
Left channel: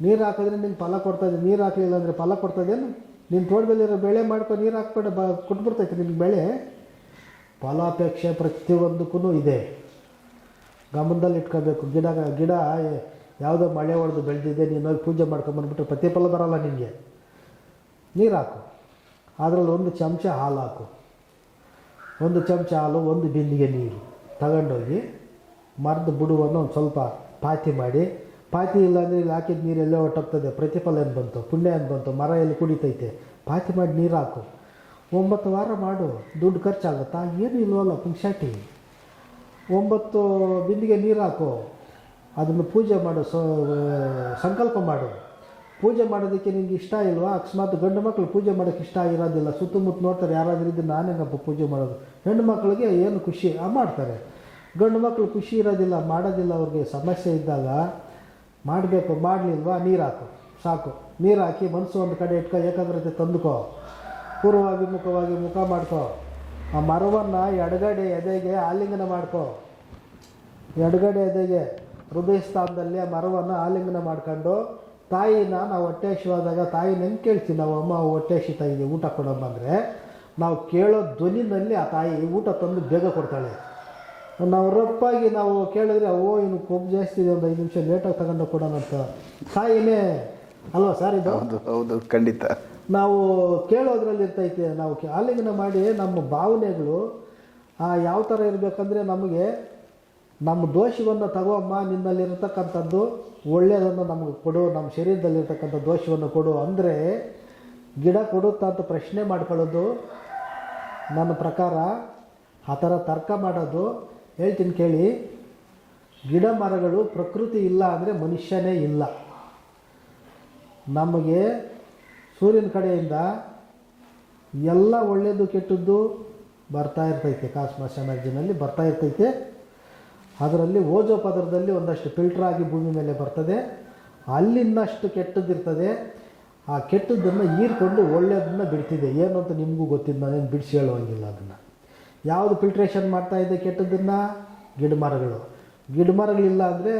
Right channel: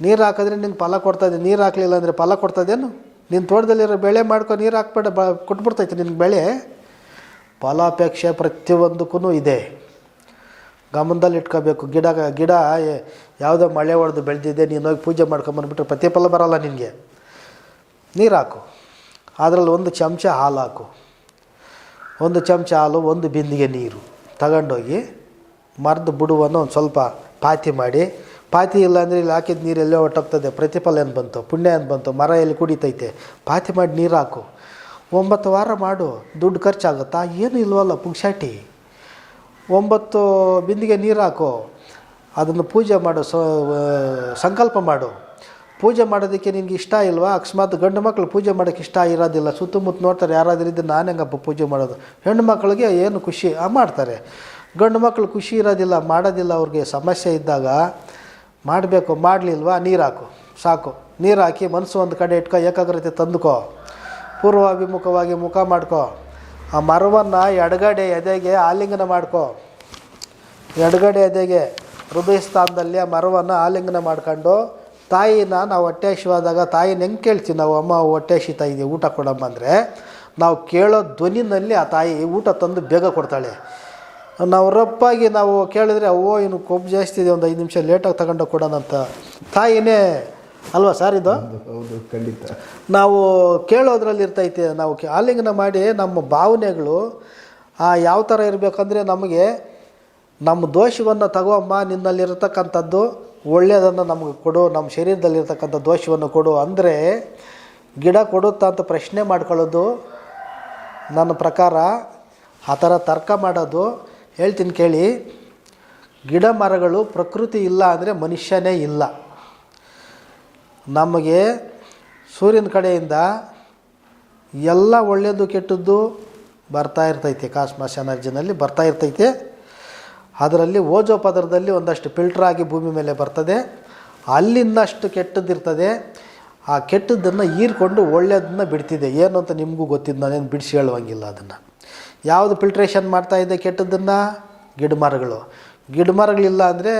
ನೀರು ಹಾಕಿದ್ರೆ ನಿಂಗೆ ಫಲ ಕೊಡ್ತದೆ ನೀರು ಹಾಕಲಿಲ್ಲ ಅಂದರೆ ಫಲ ಕೊಡ್ತದೇನು ನಿನ್ನ ತೋಟದಲ್ಲಿರೋ ಬೆಳೆ ಮಾಡ್ಕೊ, ನೀರು ಹಾಕ್ಬೇಡ, ಬ, ಕೊಟ್ಬಿಡ್ತೈತೆ ನಿನಗೆ ಬೆಳೆ. ಫಲಾಪೇಕ್ಷೆ ಪ್ರತಿಯೊಂದಕ್ಕೂ ಇದೆ. ಗಮನದಲ್ಲಿ ಇಟ್ಕೋಬೇಕು, ಗಿಡ ಗಿಡ ಯಾವುದೋ ಮಳೆ ಹೊಡೆದು ಬೆಳೆದಿದೆ, ನೀನು ಹೋಗಿ ಪೂಜೆ ಮಾಡ್ಕೊಂಬಂದ್ಬಿಟ್ರೆ ಪ್ರತಿಫಲ ಬರೋಲ್ಲ ನಿನಗೆ. ನೀರು ಹಾಕು. ಅದರಲ್ಲಿ ಒಂದು ಚಮಚ ಹಾಲು ಹಾಕು. ಒಂದು ಚಮಚ ಹಾಲು, ಒಂದು ಬಿಂದಿಗೆ ನೀರು. ತಗೊಂಡೋಗಿ ಮರದ ಬುಡುವನ್ನು ಒಂದು ಸ್ವಲ್ಪ ಪಾತಿ ಮಾಡಿ. ಪಾತಿ ಇಲ್ಲಾಂದರೆ ಇಲ್ಲಿ ಹಾಕಿದ ನೀರು ಎಲ್ಲೋ ಹೊಟ್ಟೋಗ್ತದೆ ಪ್ರತಿಫಲ ಏನು ಬಂತು? ಪುಣ್ಯ ಏನು ಬಂತು? ಮರ ಎಲ್ಲಿ ಕುಡಿತೈತೆ? ಪಾತಿ ಮಾಡಿ ನೀರು ಹಾಕು. ಒಂಬತ್ತು ವಾರ ಮಾಡು. ದುಡ್ಡು ಖರ್ಚಾಗುತ್ತಾ? ಏನು ಇಲ್ವಲ್ಲ ಪುಂಕ್ಷಾಟಿ ಒಂಬತ್ತು ಬಿಂದಿಗೆ ನೀರು ಹಾಕು. ಅದನ್ನು ಪೂಜೆ ಮಾಡು ಸಂಕಲ್ಪ ಮಾಡು. ಪೂಜೆ ಮಾಡೋದಕ್ಕೆ ನಿನಗೆ ಇಷ್ಟ ಇಲ್ವಾ? ಅಕಸ್ಮಾತ್ ಗಂಡು ಮಕ್ಕಳು ಪೂಜೆ ಮಾಡೋಕ್ಕೆ ಇಷ್ಟ ಇರೋದಿಲ್ಲ. ಸುತ್ತಮುತ್ತ ನೋಡ್ತಾರೆ, ಯಾರಾದರೂ ಇದ್ದು ನಾನು ಹೆಂಗಪ್ಪ ಪೂಜೆ ಮಾಡೋದು? ಹೆಣ್ಣು ಮಕ್ಕಳಿಗೆ ಏನು ಖುಷಿ? ಆ, ಮಾಡ್ತಾರೆ. ಗಂಡು ಮಕ್ಕಳು ಖುಷಿ ಇರೋದಿಲ್ಲ, ಮಾಡೋದಿಲ್ಲ, ಅವ್ರಿಗೆ ಸಮಸ್ಯೆ ಇದ್ದಾಗ ಮಾಡಬೇಕು, ಮಾಡಲಿಲ್ವಾ? ನೀರು ಹಾಕು ಸಾಕು. ನೀರು ಹಾಕಿ ಮನಸ್ಸು ಒಂದು ಕಡೆ ಇಟ್ಕೊ, ಏಕಾಗ್ರತೆ ತಂದುಕೋ. ಪೂರ್ವಾಭಿಮುಖವಾಗಿ ಮುಖ ಮಾಡ್ಕೋ. ಆ ಮರವನ್ನು ಎಡಗಡೆ ಎದೆಗೆ ಆಲಿಂಗನ ಮಾಡ್ಕೋ. ಎಡಗಡೆ ಎದೆಗೆ ಹೃದಯ ಸ್ಥಾನದಲ್ಲಿ ಆ ಮರವನ್ನು ಆಲಿಂಗನ ಮಾಡ್ಕೊಂಡು, ತಾಯಿನ ನಾವು ಹೊಟ್ಟೆ ಹಸಿವಾದಾಗ ತಾಯಿನ ಹೆಂಗೆ ಕೇಳ್ತೀವಿ ನಾವು, ಅಮ್ಮ ಹೊಟ್ಟೆ ಹಸಿತಾ ಇದೆ ಊಟ ಕೊಡಮ್ಮ ಅಂದರೆ, ನಾವು ಕೇಳೋ ಧ್ವನಿನಲ್ಲಿ ಆ ತಾಯಿ ಊಟ ತಂದು ಬೇಗ ಕೊಡ್ತಾಳೆ. ನಾವು ರಪ್ಪಾಗಿ ನಾವು ಕೇಳಿದರೆ ಓ ಇನ್ನು ಕೊಬ್ಬು ಜಾಸ್ತಿ ಇದೆ ಒಂದು ಐದು ನಿಮಿಷ ಲೇಟಾಗಿ ತಗೊಂಡು ಕೊಡೋಣ ಅಂತ. ತಾಯಿನೇ ಅಲ್ವಾ ಸರ್ ಇದು? ಹೌದು ಖಂಡಿತ. ನಾವು ಕೇಳೋದ್ರಲ್ಲಿ ಇರ್ತೈತೆ ನಾವು ಆಲಿಂಗನ ಮಾಡಿ ನಮ್ಮ ಭಾವನೆಗಳು ಆ ಯಾವ ಥರ ಇರಬೇಕಂದ್ರೆ ನಮಗೆ ನಮ್ಮ ದೋಷವನ್ನು ತಗೋಮ್ಮ ನಿನ್ನಲ್ಲಿರತಕ್ಕಂಥದ್ದು ಒಳ್ಳೆಯದನ್ನು ನಮಗೆ ಕೊಡು ನಮ್ಮ ಶರೀರದಲ್ಲಿರ್ತಕ್ಕಂಥ ದೋಷವನ್ನು ಕೊಡು ಅಂದರೆ ಗಿಡ ಕೊಡುತ್ತಾ ಅಂತ ಪ್ರಶ್ನೆ ಮಾಡ್ಕೊಳ್ಳೋದು ನನ್ನ ಪ್ರಕಾರ ಆ ಥರ ತರ್ಕ ಮಾಡೋದು ಹೇಳ್ತೀನಿ ಕೇಳಿ ಗಿಡ ಮರಗಳು ಪ್ರಕೃತಿ ಇಲ್ಲ ಅಂದರೆ ಮನುಷ್ಯನೇ ಇಲ್ಲ. ನಮಗೆ ಸೂರ್ಯನ ಕಡೆಯಿಂದ ಎಲ್ಲ ಒಳ್ಳೆಯದು ಕೆಟ್ಟದ್ದು ಬರ್ತಾ ಇರ್ತೈತೆ. ಕಾಸ್ಮಾಸ್ ಎನರ್ಜಿನಲ್ಲಿ ಬರ್ತಾ ಇರ್ತೈತೆ. ಅದರಲ್ಲಿ ಓಜೋ ಪದರದಲ್ಲಿ ಒಂದಷ್ಟು ಫಿಲ್ಟರ್ ಆಗಿ ಭೂಮಿ ಮೇಲೆ ಬರ್ತದೆ. ಅಲ್ಲಿಂದಷ್ಟು ಕೆಟ್ಟದ್ದಿರ್ತದೆ. ಆ ಕೆಟ್ಟದ್ದನ್ನು ಹೀರ್ಕೊಂಡು ಒಳ್ಳೆಯದನ್ನ ಬಿಡ್ತಿದೆ. ಏನು ಅಂತ ನಿಮಗೂ ಗೊತ್ತಿದ್ದು ನಾನೇನು ಬಿಡಿಸಿ ಹೇಳುವಂಗಿಲ್ಲ ಅದನ್ನು. ಯಾವುದು ಫಿಲ್ಟ್ರೇಷನ್ ಮಾಡ್ತಾ ಇದೆ ಕೆಟ್ಟದ್ದನ್ನು? ಗಿಡ ಮರಗಳು. ಗಿಡ ಮರಗಳಿಲ್ಲ ಅಂದರೆ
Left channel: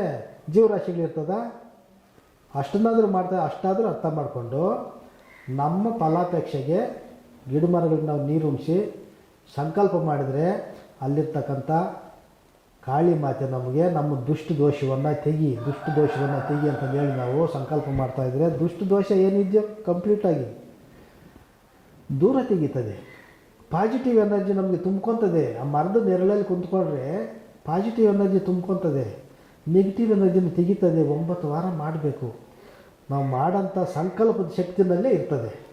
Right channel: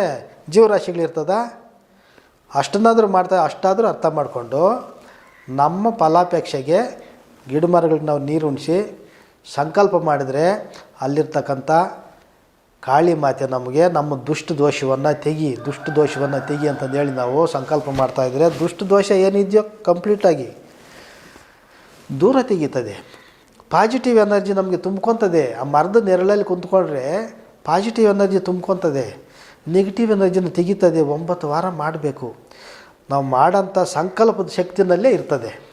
ಜೀವರಾಶಿಗಳಿರ್ತದ ಅಷ್ಟನ್ನಾದರೂ ಮಾಡ್ತಾ, ಅಷ್ಟಾದರೂ ಅರ್ಥ ಮಾಡಿಕೊಂಡು ನಮ್ಮ ಫಲಾಪೇಕ್ಷೆಗೆ ಗಿಡ ಮರಗಳಿಗೆ ನಾವು ನೀರು ಉಣಿಸಿ ಸಂಕಲ್ಪ ಮಾಡಿದರೆ ಅಲ್ಲಿರ್ತಕ್ಕಂಥ ಕಾಳಿ ಮಾತೆ ನಮಗೆ, ನಮ್ಮ ದುಷ್ಟ ದೋಷವನ್ನು ತೆಗಿ, ದುಷ್ಟ ದೋಷವನ್ನು ತೆಗಿ ಅಂತಂದು ಹೇಳಿ ನಾವು ಸಂಕಲ್ಪ ಮಾಡ್ತಾಯಿದ್ರೆ ದುಷ್ಟ ದೋಷ ಏನಿದೆಯೋ ಕಂಪ್ಲೀಟಾಗಿ ದೂರ ತೆಗೀತದೆ. ಪಾಸಿಟಿವ್ ಎನರ್ಜಿ ನಮಗೆ ತುಂಬ್ಕೊತದೆ. ಆ ಮರದ ನೆರಳಲ್ಲಿ ಕುಂತ್ಕೊಂಡ್ರೆ ಪಾಸಿಟಿವ್ ಎನರ್ಜಿ ತುಂಬ್ಕೊತದೆ. ನೆಗೆಟಿವ್ ಎನರ್ಜಿನ ತೆಗಿತದೆ. ಒಂಬತ್ತು ವಾರ ಮಾಡಬೇಕು. ನಾವು ಮಾಡೋಂಥ ಸಂಕಲ್ಪದ ಶಕ್ತಿನಲ್ಲೇ ಇರ್ತದೆ.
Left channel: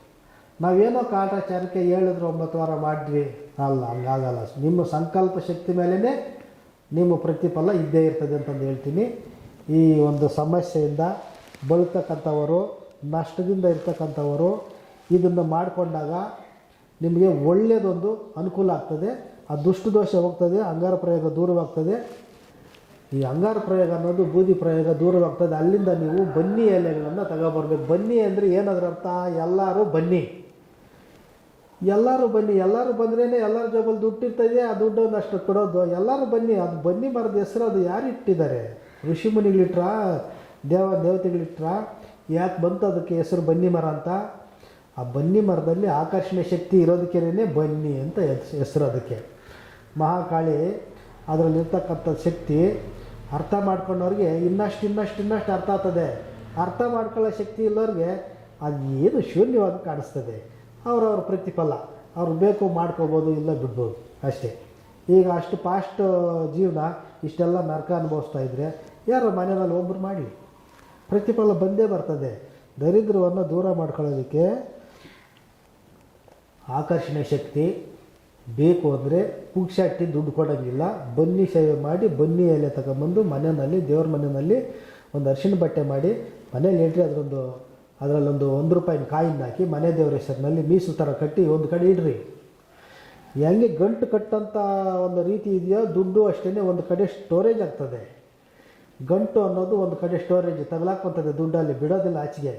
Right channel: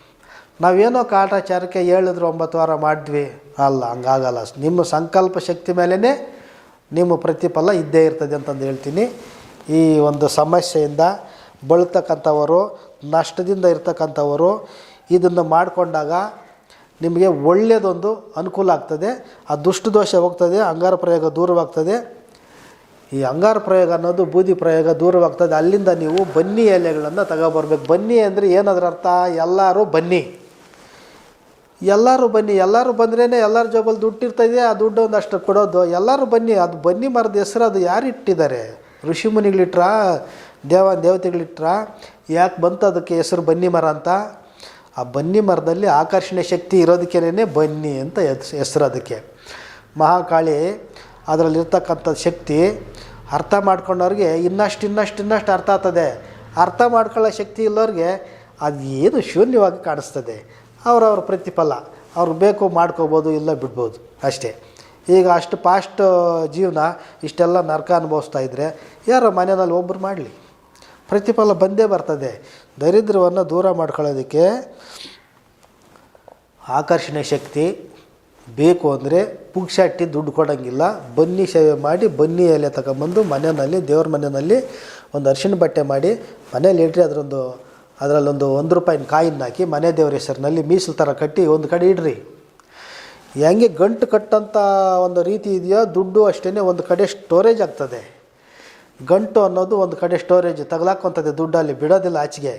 ನಾವೇನೋ ಕಾಟಾಚಾರಕ್ಕೆ ಹೇಳಿದ್ರು ಒಂಬತ್ತು ವಾರ ಮಾಡಿದ್ವಿ. ಅಲ್ಲ, ಹಂಗಾಗಲ್ಲ. ನಿಮ್ಮ ಸಂಕಲ್ಪ ಶಕ್ತಿ ಮೇಲೇ ನಿಮ್ಮ ಪ್ರತಿಫಲ ಇದ್ದೇ ಇರ್ತದೆ ಅಂತಂದು ಹೇಳ್ತೀನಿ. ಈ ಒಂದು ಸಮಸ್ಯೆಯಿಂದ ಬಳತಕ್ಕಂಥವರು, ನಷ್ಟದಿಂದ ಇರ್ತಕ್ಕಂಥವರು ಇದನ್ನು ಮಾಡಿಕೊಂಡಾಗ ನಿಮಗೆ ಒಳ್ಳೆಯದೊಂದು ಅನುಕೂಲ ಆಗ್ತದೆ, ಆ ದುಷ್ಟದೋಷ ಹೋಗ್ತದೆ, ಅಂಗಾರ ಪ್ರಯೋಗ ದೂರವಾಗ್ತದೆ. ಈ ಅಂಗಾರ ಪ್ರಯೋಗ ಅನ್ನೋದು ಬೂದಿ ಪ್ರಯೋಗ ದೂರವಾಗ್ತದೆ. ಅಲ್ಲಿಂದ ನೀವು ಬನ್ನಿ ಎಲೆಗಳನ್ನು ತಗೋಬರ್ಬೇಕು. ಬನ್ನಿ ಅಂದರೆ ಏನಾದ್ರೂ ಅರ್ಥ? ಎಲ್ಲರೂ ಬನ್ನಿ. ಎಲ್ಲರೂ ಬನ್ನಿ. ಎಲ್ಲರೂ ಬಂದ್ರೇ ಎಲ್ಲರ ಜೋಬಲ್ಲಿ ದುಡ್ಡು ಇರ್ತದೆ ಆ ದುಡ್ಡು ಒಂದಷ್ಟು ಕೊಡೋದು. ಎಲ್ಲರೂ ಬನ್ನಿ. ಅದು ಬನ್ನಿ ಮರದ ಹೆಸರು, ಅದು ಯಾರು ಇಟ್ಟಿದ್ದಾರೆ? ಋಷಿ ಮುನಿಗಳಿಟ್ರ? ದೇವ, ದೇವತೆಗಳಿಟ್ರ? ಯಾಕೆ ಬಂತು ಅದಕ್ಕೆ ಹೆಸರು ಬನ್ನಿ ಮರ ಅಂತ? ಆ ಬನ್ನಿ ಮರದಲ್ಲಿ ಆಕರ್ಷಣೆ ಶಕ್ತಿ ಇರೋದಕ್ಕೇನೆ ಬನ್ನಿ ಅಂತ ಹೆಸ್- ಹೆಸರು ಅದಕ್ಕೆ ಮಹಾಕಾಳಿ ಅದರಲ್ಲಿರ್ತಕ್ಕಂಥ ಶಕ್ತಿ ಅರ್ಥ ಮಾಡ್ಕೊಂಡವ್ರಿಗೆ ಇನ್ನಷ್ಟು ಇನ್ನಷ್ಟು ಇನ್ನಷ್ಟು ಅರ್ಥ ಆಗ್ತದೆ. ಅರ್ಥ ಮಾಡ್ಕೊಳ್ಳೋ ಶಕ್ತಿ ಇಲ್ಲವ್ರಿಗೆ ಅದು ಏನು ಶೂನ್ಯವಾಗಿ ಕಾಣಿಸ್ತದೆ. ಅವರವ್ರ ಪ್ರತಿಫಲ. ಅವ್ರು ಬೇಕು ಮಾಡ್ಕೋಬೋದು, ಇಲ್ಲ ಬಿಡ್ಬೋದು. ಅಷ್ಟೇ. ಈಗ ಅಷ್ಟು ಪಾಸ್ಟ್ ಜೀವನ ಇಷ್ಟೆಲ್ಲ ನರಕ ಅನುಭವಿಸ್ತಾ ಇದ್ದರೆ ಯಾರೋ ಮನೆಯಲ್ಲಿ ಒಬ್ಬರು ಮಾಡಲಿ. ಪ್ರತಿಫಲ ಬಂದೇ ಬರ್ತದೆ. ದರಿದ್ರವನ್ನು ದೂರ ಮಾಡ್ಕೊಳ್ಳೋದಕ್ಕೆ ಆಕರ್ಷಣೆ ಶಕ್ತಿ ಬೇಕು ಅಂದರೆ ಪುಕ್ಷಟ್ಟಿ ದುಡ್ಡು ಕೊಡೋಂಗಿಲ್ಲ. ಬನ್ನಿ ಸೇವೆ ಮಾಡಿ, ಬನ್ನಿ ಎಲೆ ತಗೊಂಬಂದು ಮನೆಯಲ್ಲಿ, ದೇವ್ರ ಮನೆಯಲ್ಲಿ ಒಂದು ಅರ್ಶಿನ ಬಟ್ಟೆ ಮಾಡಿ ಮನೇಲಿ ಇಡ್ರಿ, ಅದರೊಂದು, ಅದರಲ್ಲೊಂದು ಒಂದು ರೂಪಾಯಿನ ಕಾಯಿನ ಹಾಕಿ ಮನೆ ದೇವ್ರ ಹೆಸರಿನಲ್ಲಿ ಮೀಸಲು ಥರ ಕಟ್ಟಿ ಒಂದು ಕಡೆ ಇಡ್ರಿ. ಹೆಂಗೆ ಗಂಟು ಕಟ್ಟಂಥ ಒಂದು ರೀತಿ ಇದೆಯೋ? ದುಡ್ಡು ಅಷ್ಟೇ ಒಂದು ಕಡೆ ಸ್ಟೋರೇಜ್ ಆಗ್ತದೆ. ಗಂಟು ಅನ್ನೋದು ಒಂದು ಕಡೆ ಸ್ಟೋರೇಜ್ ತಗಲಾಕೊಂತದೆ ದುಡ್ಡಲ್ಲಿ ಬಿಡೋದಿಲ್ಲ ಆಚೆಗೆ.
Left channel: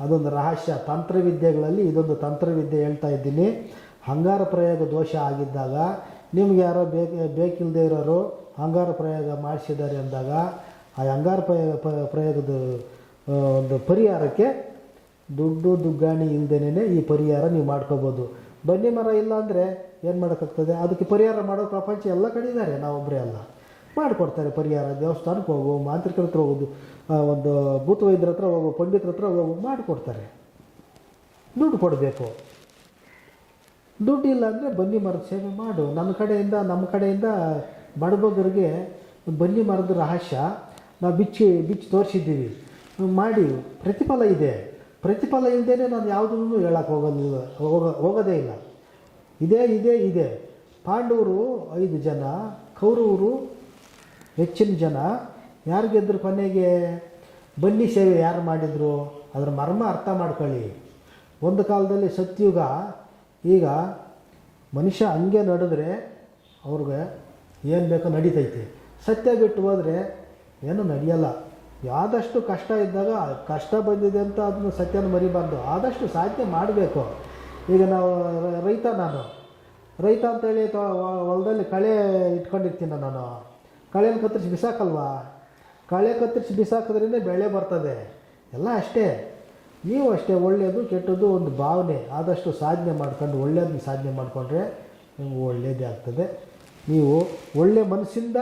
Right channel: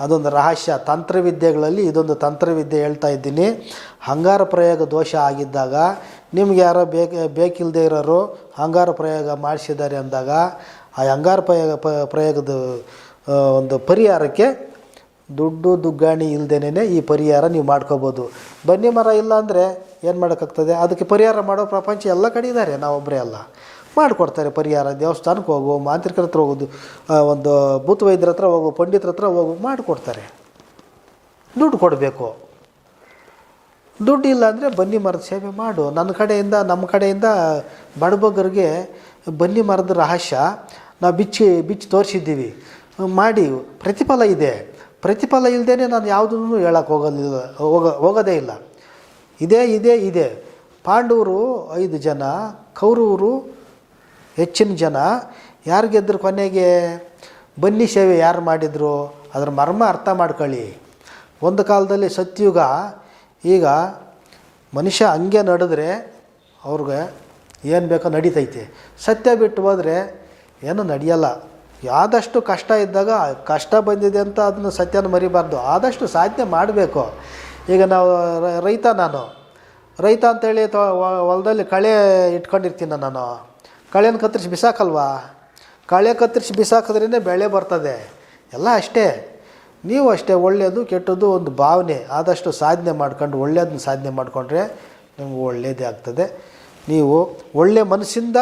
ಅದೊಂದು ರಹಸ್ಯ ತಂತ್ರವಿದ್ಯೆಗಳಲ್ಲಿ ಇದೊಂದು ತಂತ್ರವಿದ್ಯೆ ಹೇಳ್ತಾ ಇದ್ದೀನಿ. ಹಂಗಾರ ಪ್ರಯೋಗ ದೋಷ ಆಗಿದ್ದಾಗ ನಿಮ್ಗೆ ಯಾರೋ ಬೇಕ ಬೇಕಿಲ್ಲದೆ ಇರೋರು ಹಂಗಾರ ಪ್ರಯೋಗ ಮಾಡಿಸಿದ್ದಾರೆ ಅಂದಾಗ ಆ ಹಂಗಾರ ಪ್ರಯೋಗ ಪ್ರಯೋಗದ ಒಂದು ಪರಿಹಾರಕ್ಕೆ ದುಡ್ಡು ದುಗ್ಗಾಣಿ ಇಲ್ಲದೇನೆ ಈ ಪರಿಹಾರ ನೀವು ಮಾಡ್ಕೋಬೋದು. ಬನ್ನಿ ಮರ ಇಲ್ಲ ಅಂದರೆ ಏನು ಮಾಡೋಕ್ಕಾಗ್ತದೆ? ಅದಕ್ಕೆ ಪರಿಹಾರ ಮಾಡೋ ಪ್ರಪಂಚ ಎಲ್ಲ ಕಡೆ ಇದ್ದಾರೆ ನಾವೊಬ್ಬರೇ ಅಲ್ಲ. ಮಾಡಿಕೊಡ್ತಾರೆ ಪರಿಹಾರ, ದೇವಸ್ಥಾನಕ್ಕೆ ಹೋಗು, ಮಾಂತ್ರಿಕರ ಹತ್ರ ಹೋಗೋದು ಒಂದು ಭೂತ ವೈದ್ಯರ ಹತ್ರ ಹೋಗು, ಪಂಡಿತರ ಹತ್ರ ಹೋಗು, ಮಾಡಿಕೊಡ್ತಾರೆ. ದುಡ್ಡು ಕೊಡಬೇಕು. ದುಡ್ಡು ಇಲ್ಲ ಅಂದರೆ ಬನ್ನಿ ಮರದ ಸೇವೆ ಮಾಡು. ನನ್ನ ಕಡೆಯಿಂದ, ನಮ್ಮ ಕಡೆಯಿಂದ ಬಡಬಗ್ಗರಿಗೆ ಬನ್ನಿ ಮರದ ರಹಸ್ಯ ನಾವು ಬಿಚ್ಚಿ ಬಿಚ್ಚಿ ತೋರಿಸಿದ್ದೀವಿ. ಮಾಡಿ, ಪ್ರತಿಫಲ ಇದೆ. ಪ್ರತಿಫಲ ಇಲ್ಲದೇ ನಾನು ಯಾವುದನ್ನು ಹೇಳಕ್ಕೆ ಹೋಗೋದಿಲ್ಲ ಹೋಗ, ಹೋಗೋದೇ ಇಲ್ಲ. ಇದೇ ಇದೇ, ಇದೆ. ಪಾಂಡವರು ಐದು ಜನ, ಕೌರವರು ಹೆಚ್ಚಿನ ಜನ ಯಾರು ಗೆದ್ದರು ಕೊನೆಗೆ ಬನ್ನಿ ಸೇವೆ ಯಾರು ಮಾಡಿದರು? ಅದರ ಮರ್ಮ ಅರ್ಥ ಮಾಡ್ಕೊಳ್ಳಿ. ಒಂದು ಕಾಲದಲ್ಲಿ ಸತ್ಯುಗ, ಈಗ ಮನುಷ್ಯ ಹಂಗೆ ನಡೆದ್ರೆ ಅವ್ರಿಗೆ ಏನು ಬೇಕೋ ನಡೀತೈತೆ. ಸತ್ಯ ಬಿಟ್ಟು ಹೋದರೆ ಏನೂ ನಡೆಯಲ್ಲ. ಆದಷ್ಟು ಕಷ್ಟ ಇದ್ದಾಗ ಕಷ್ಟ ಬಂದಿದೆ ಅಂತ ಅದನ್ನು ಸತ್ಯನ ಮರಿಬಾರ್ದು. ಆದಷ್ಟು ಸಾಧನೆ ಮಾಡಬೇಕು. ಈಗ ನಾವು ರೈತ ನಾನು. ರೈತ ಅಂತೇಳಿ ಹೊಲದಲ್ಲಿ ಕಳೆ ಇಟ್ಕೊಂಡಿರ್ತೀನಿ ನಾನು. ಕಳೆನ ಕತ್ತರಿಸಿ ಬಿಸಾಕಲ್ವಾ? ಕಳೆ ಕತ್ತರಿಸಿ ಬಿಸಾಕಿದ್ರೇ ಬೆಳೆ ಬರ್ತದೆ. ಎಲ್ಲ ಅಷ್ಟೇ. ನೀವು ಅಷ್ಟೇ ಒಳ್ಳೆಯದು, ಕೆಟ್ಟದ್ದು ಒಂದು ಭಾವನೆ. ಆದಷ್ಟು ಸಾಧನೆ ಮಾಡ್ಕೊಂಡು, ಒಳ್ಳೆಯದನ್ನ ಸಾಧನೆ ಮಾಡಿಕೊಂಡ್ರೆ ನಿಮ್ಗೆ ಒಳ್ಳೆಯದೇ ಆಗ್ತದೆ. ನೀವು ಒಳ್ಳೆಯ ಮನಸ್ಸಿಂದ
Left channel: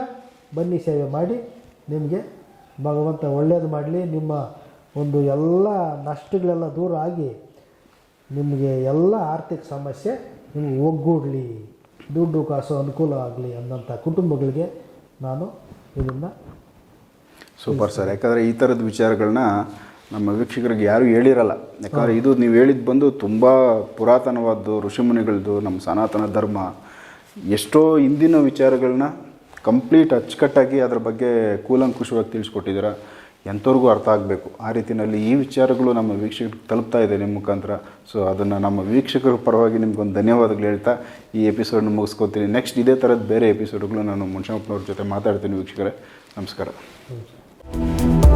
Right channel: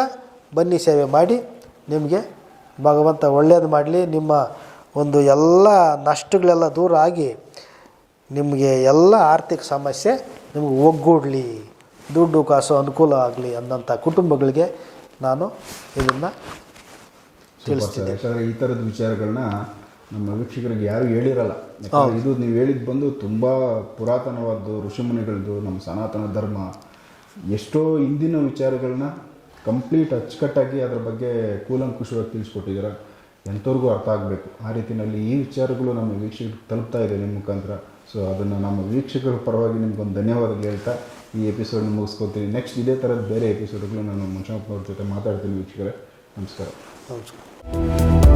ಬನ್ನಿ ಸೇವೆ ಮಾಡಿ. ನಿಮಗೆ ಭಗವಂತ ಒಳ್ಳೆಯದು ಮಾಡಲಿ. ನಿಮ್ಮ ಒಂದು ಎಲ್ಲ ನಷ್ಟಗಳೆಲ್ಲ ದೂರ ಆಗಿ ನಿಮಗೆ ಎಲ್ಲ ಆರ್ಥಿಕ ಸಮಸ್ಯೆ ನಿಮಗೆ ಒಗ್ಗೂಡಲಿ. ದುಡ್ಡು, ಕಾಸು ಅನುಕೂಲ ಆಗಲಿ ಅನ್ನೋಂಥ ಕುಟುಂಬಗಳಿಗೆ ನಾನು ಇದನ್ನು ಸೂಪರ್ ಸರ್. ಯಾಕಂದರೆ ಈ ಥರದ ವಿಚಾರಗಳನ್ನ ನಮ್ಮ ವೀಕ್ಷಕರಿಗೆ ಯಾರೂ ಹೇಳಿರಲ್ಲ. ಯಾಕಂದರೆ ಇದು ನೀವು ಹೇಳಿದ್ದು ಬಂದು ತುಂಬ ಪುರಾತನವಾದ್ದು ಋಷಿಮುನಿಗಳದ್ದು ನಮ್ಮ ಸನಾತನ ಧರ್ಮ ಎಷ್ಟೋ ಹಿಂದಿನ ವಿಚಾರಗಳನ್ನ ಕಂಪ್ಲೀಟ್ ಅಚ್ಚುಕಟ್ಟಾಗಿ ಅದರ ಬಗ್ಗೆ ಕೂಲಂಕುಷವಾಗಿ ತಿಳಿಸ್ಕೊಟ್ಟಿದ್ದೀರ. ಎಂಥವ್ರಿಗೂ ಅರ್ಥ ಆಗಬೇಕು. ಆ ರೀತಿಯಲ್ಲಿ ಈ ವಿಚಾರಗಳು ನಮ್ಮ ವೀಕ್ಷಕರಿಗೆ ತಲುಪ್ತಾ ಇದೆ ನಿಮ್ಮ ಮುಖಾಂತರ. ಸೊ ಅದನ್ನು ನಮ್ಮ ವೀಕ್ಷಕರ ಪರವಾಗಿ ನಿಮ್ಗೊಂದು ಧನ್ಯವಾದಗಳು ಹೇಳ್ತಾ, ಈ ಎಪಿಸೋಡ್ನ ಮುಗಿಸ್ಕೊತೀನಿ. ನೆಕ್ಸ್ಟ್ ಇದೇ ಥರದ ಬೇರೆ ಎಪಿಸೋಡ್ಗಳು ನಾನು ಮುನ್ಷಪ್ಪನವ್ರ ಜೊತೆ ಮಾತಾಡ್ತೀನಿ ವೀಕ್ಷಕರೇ. ನಮಸ್ಕಾರ. ನಮಸ್ಕಾರ.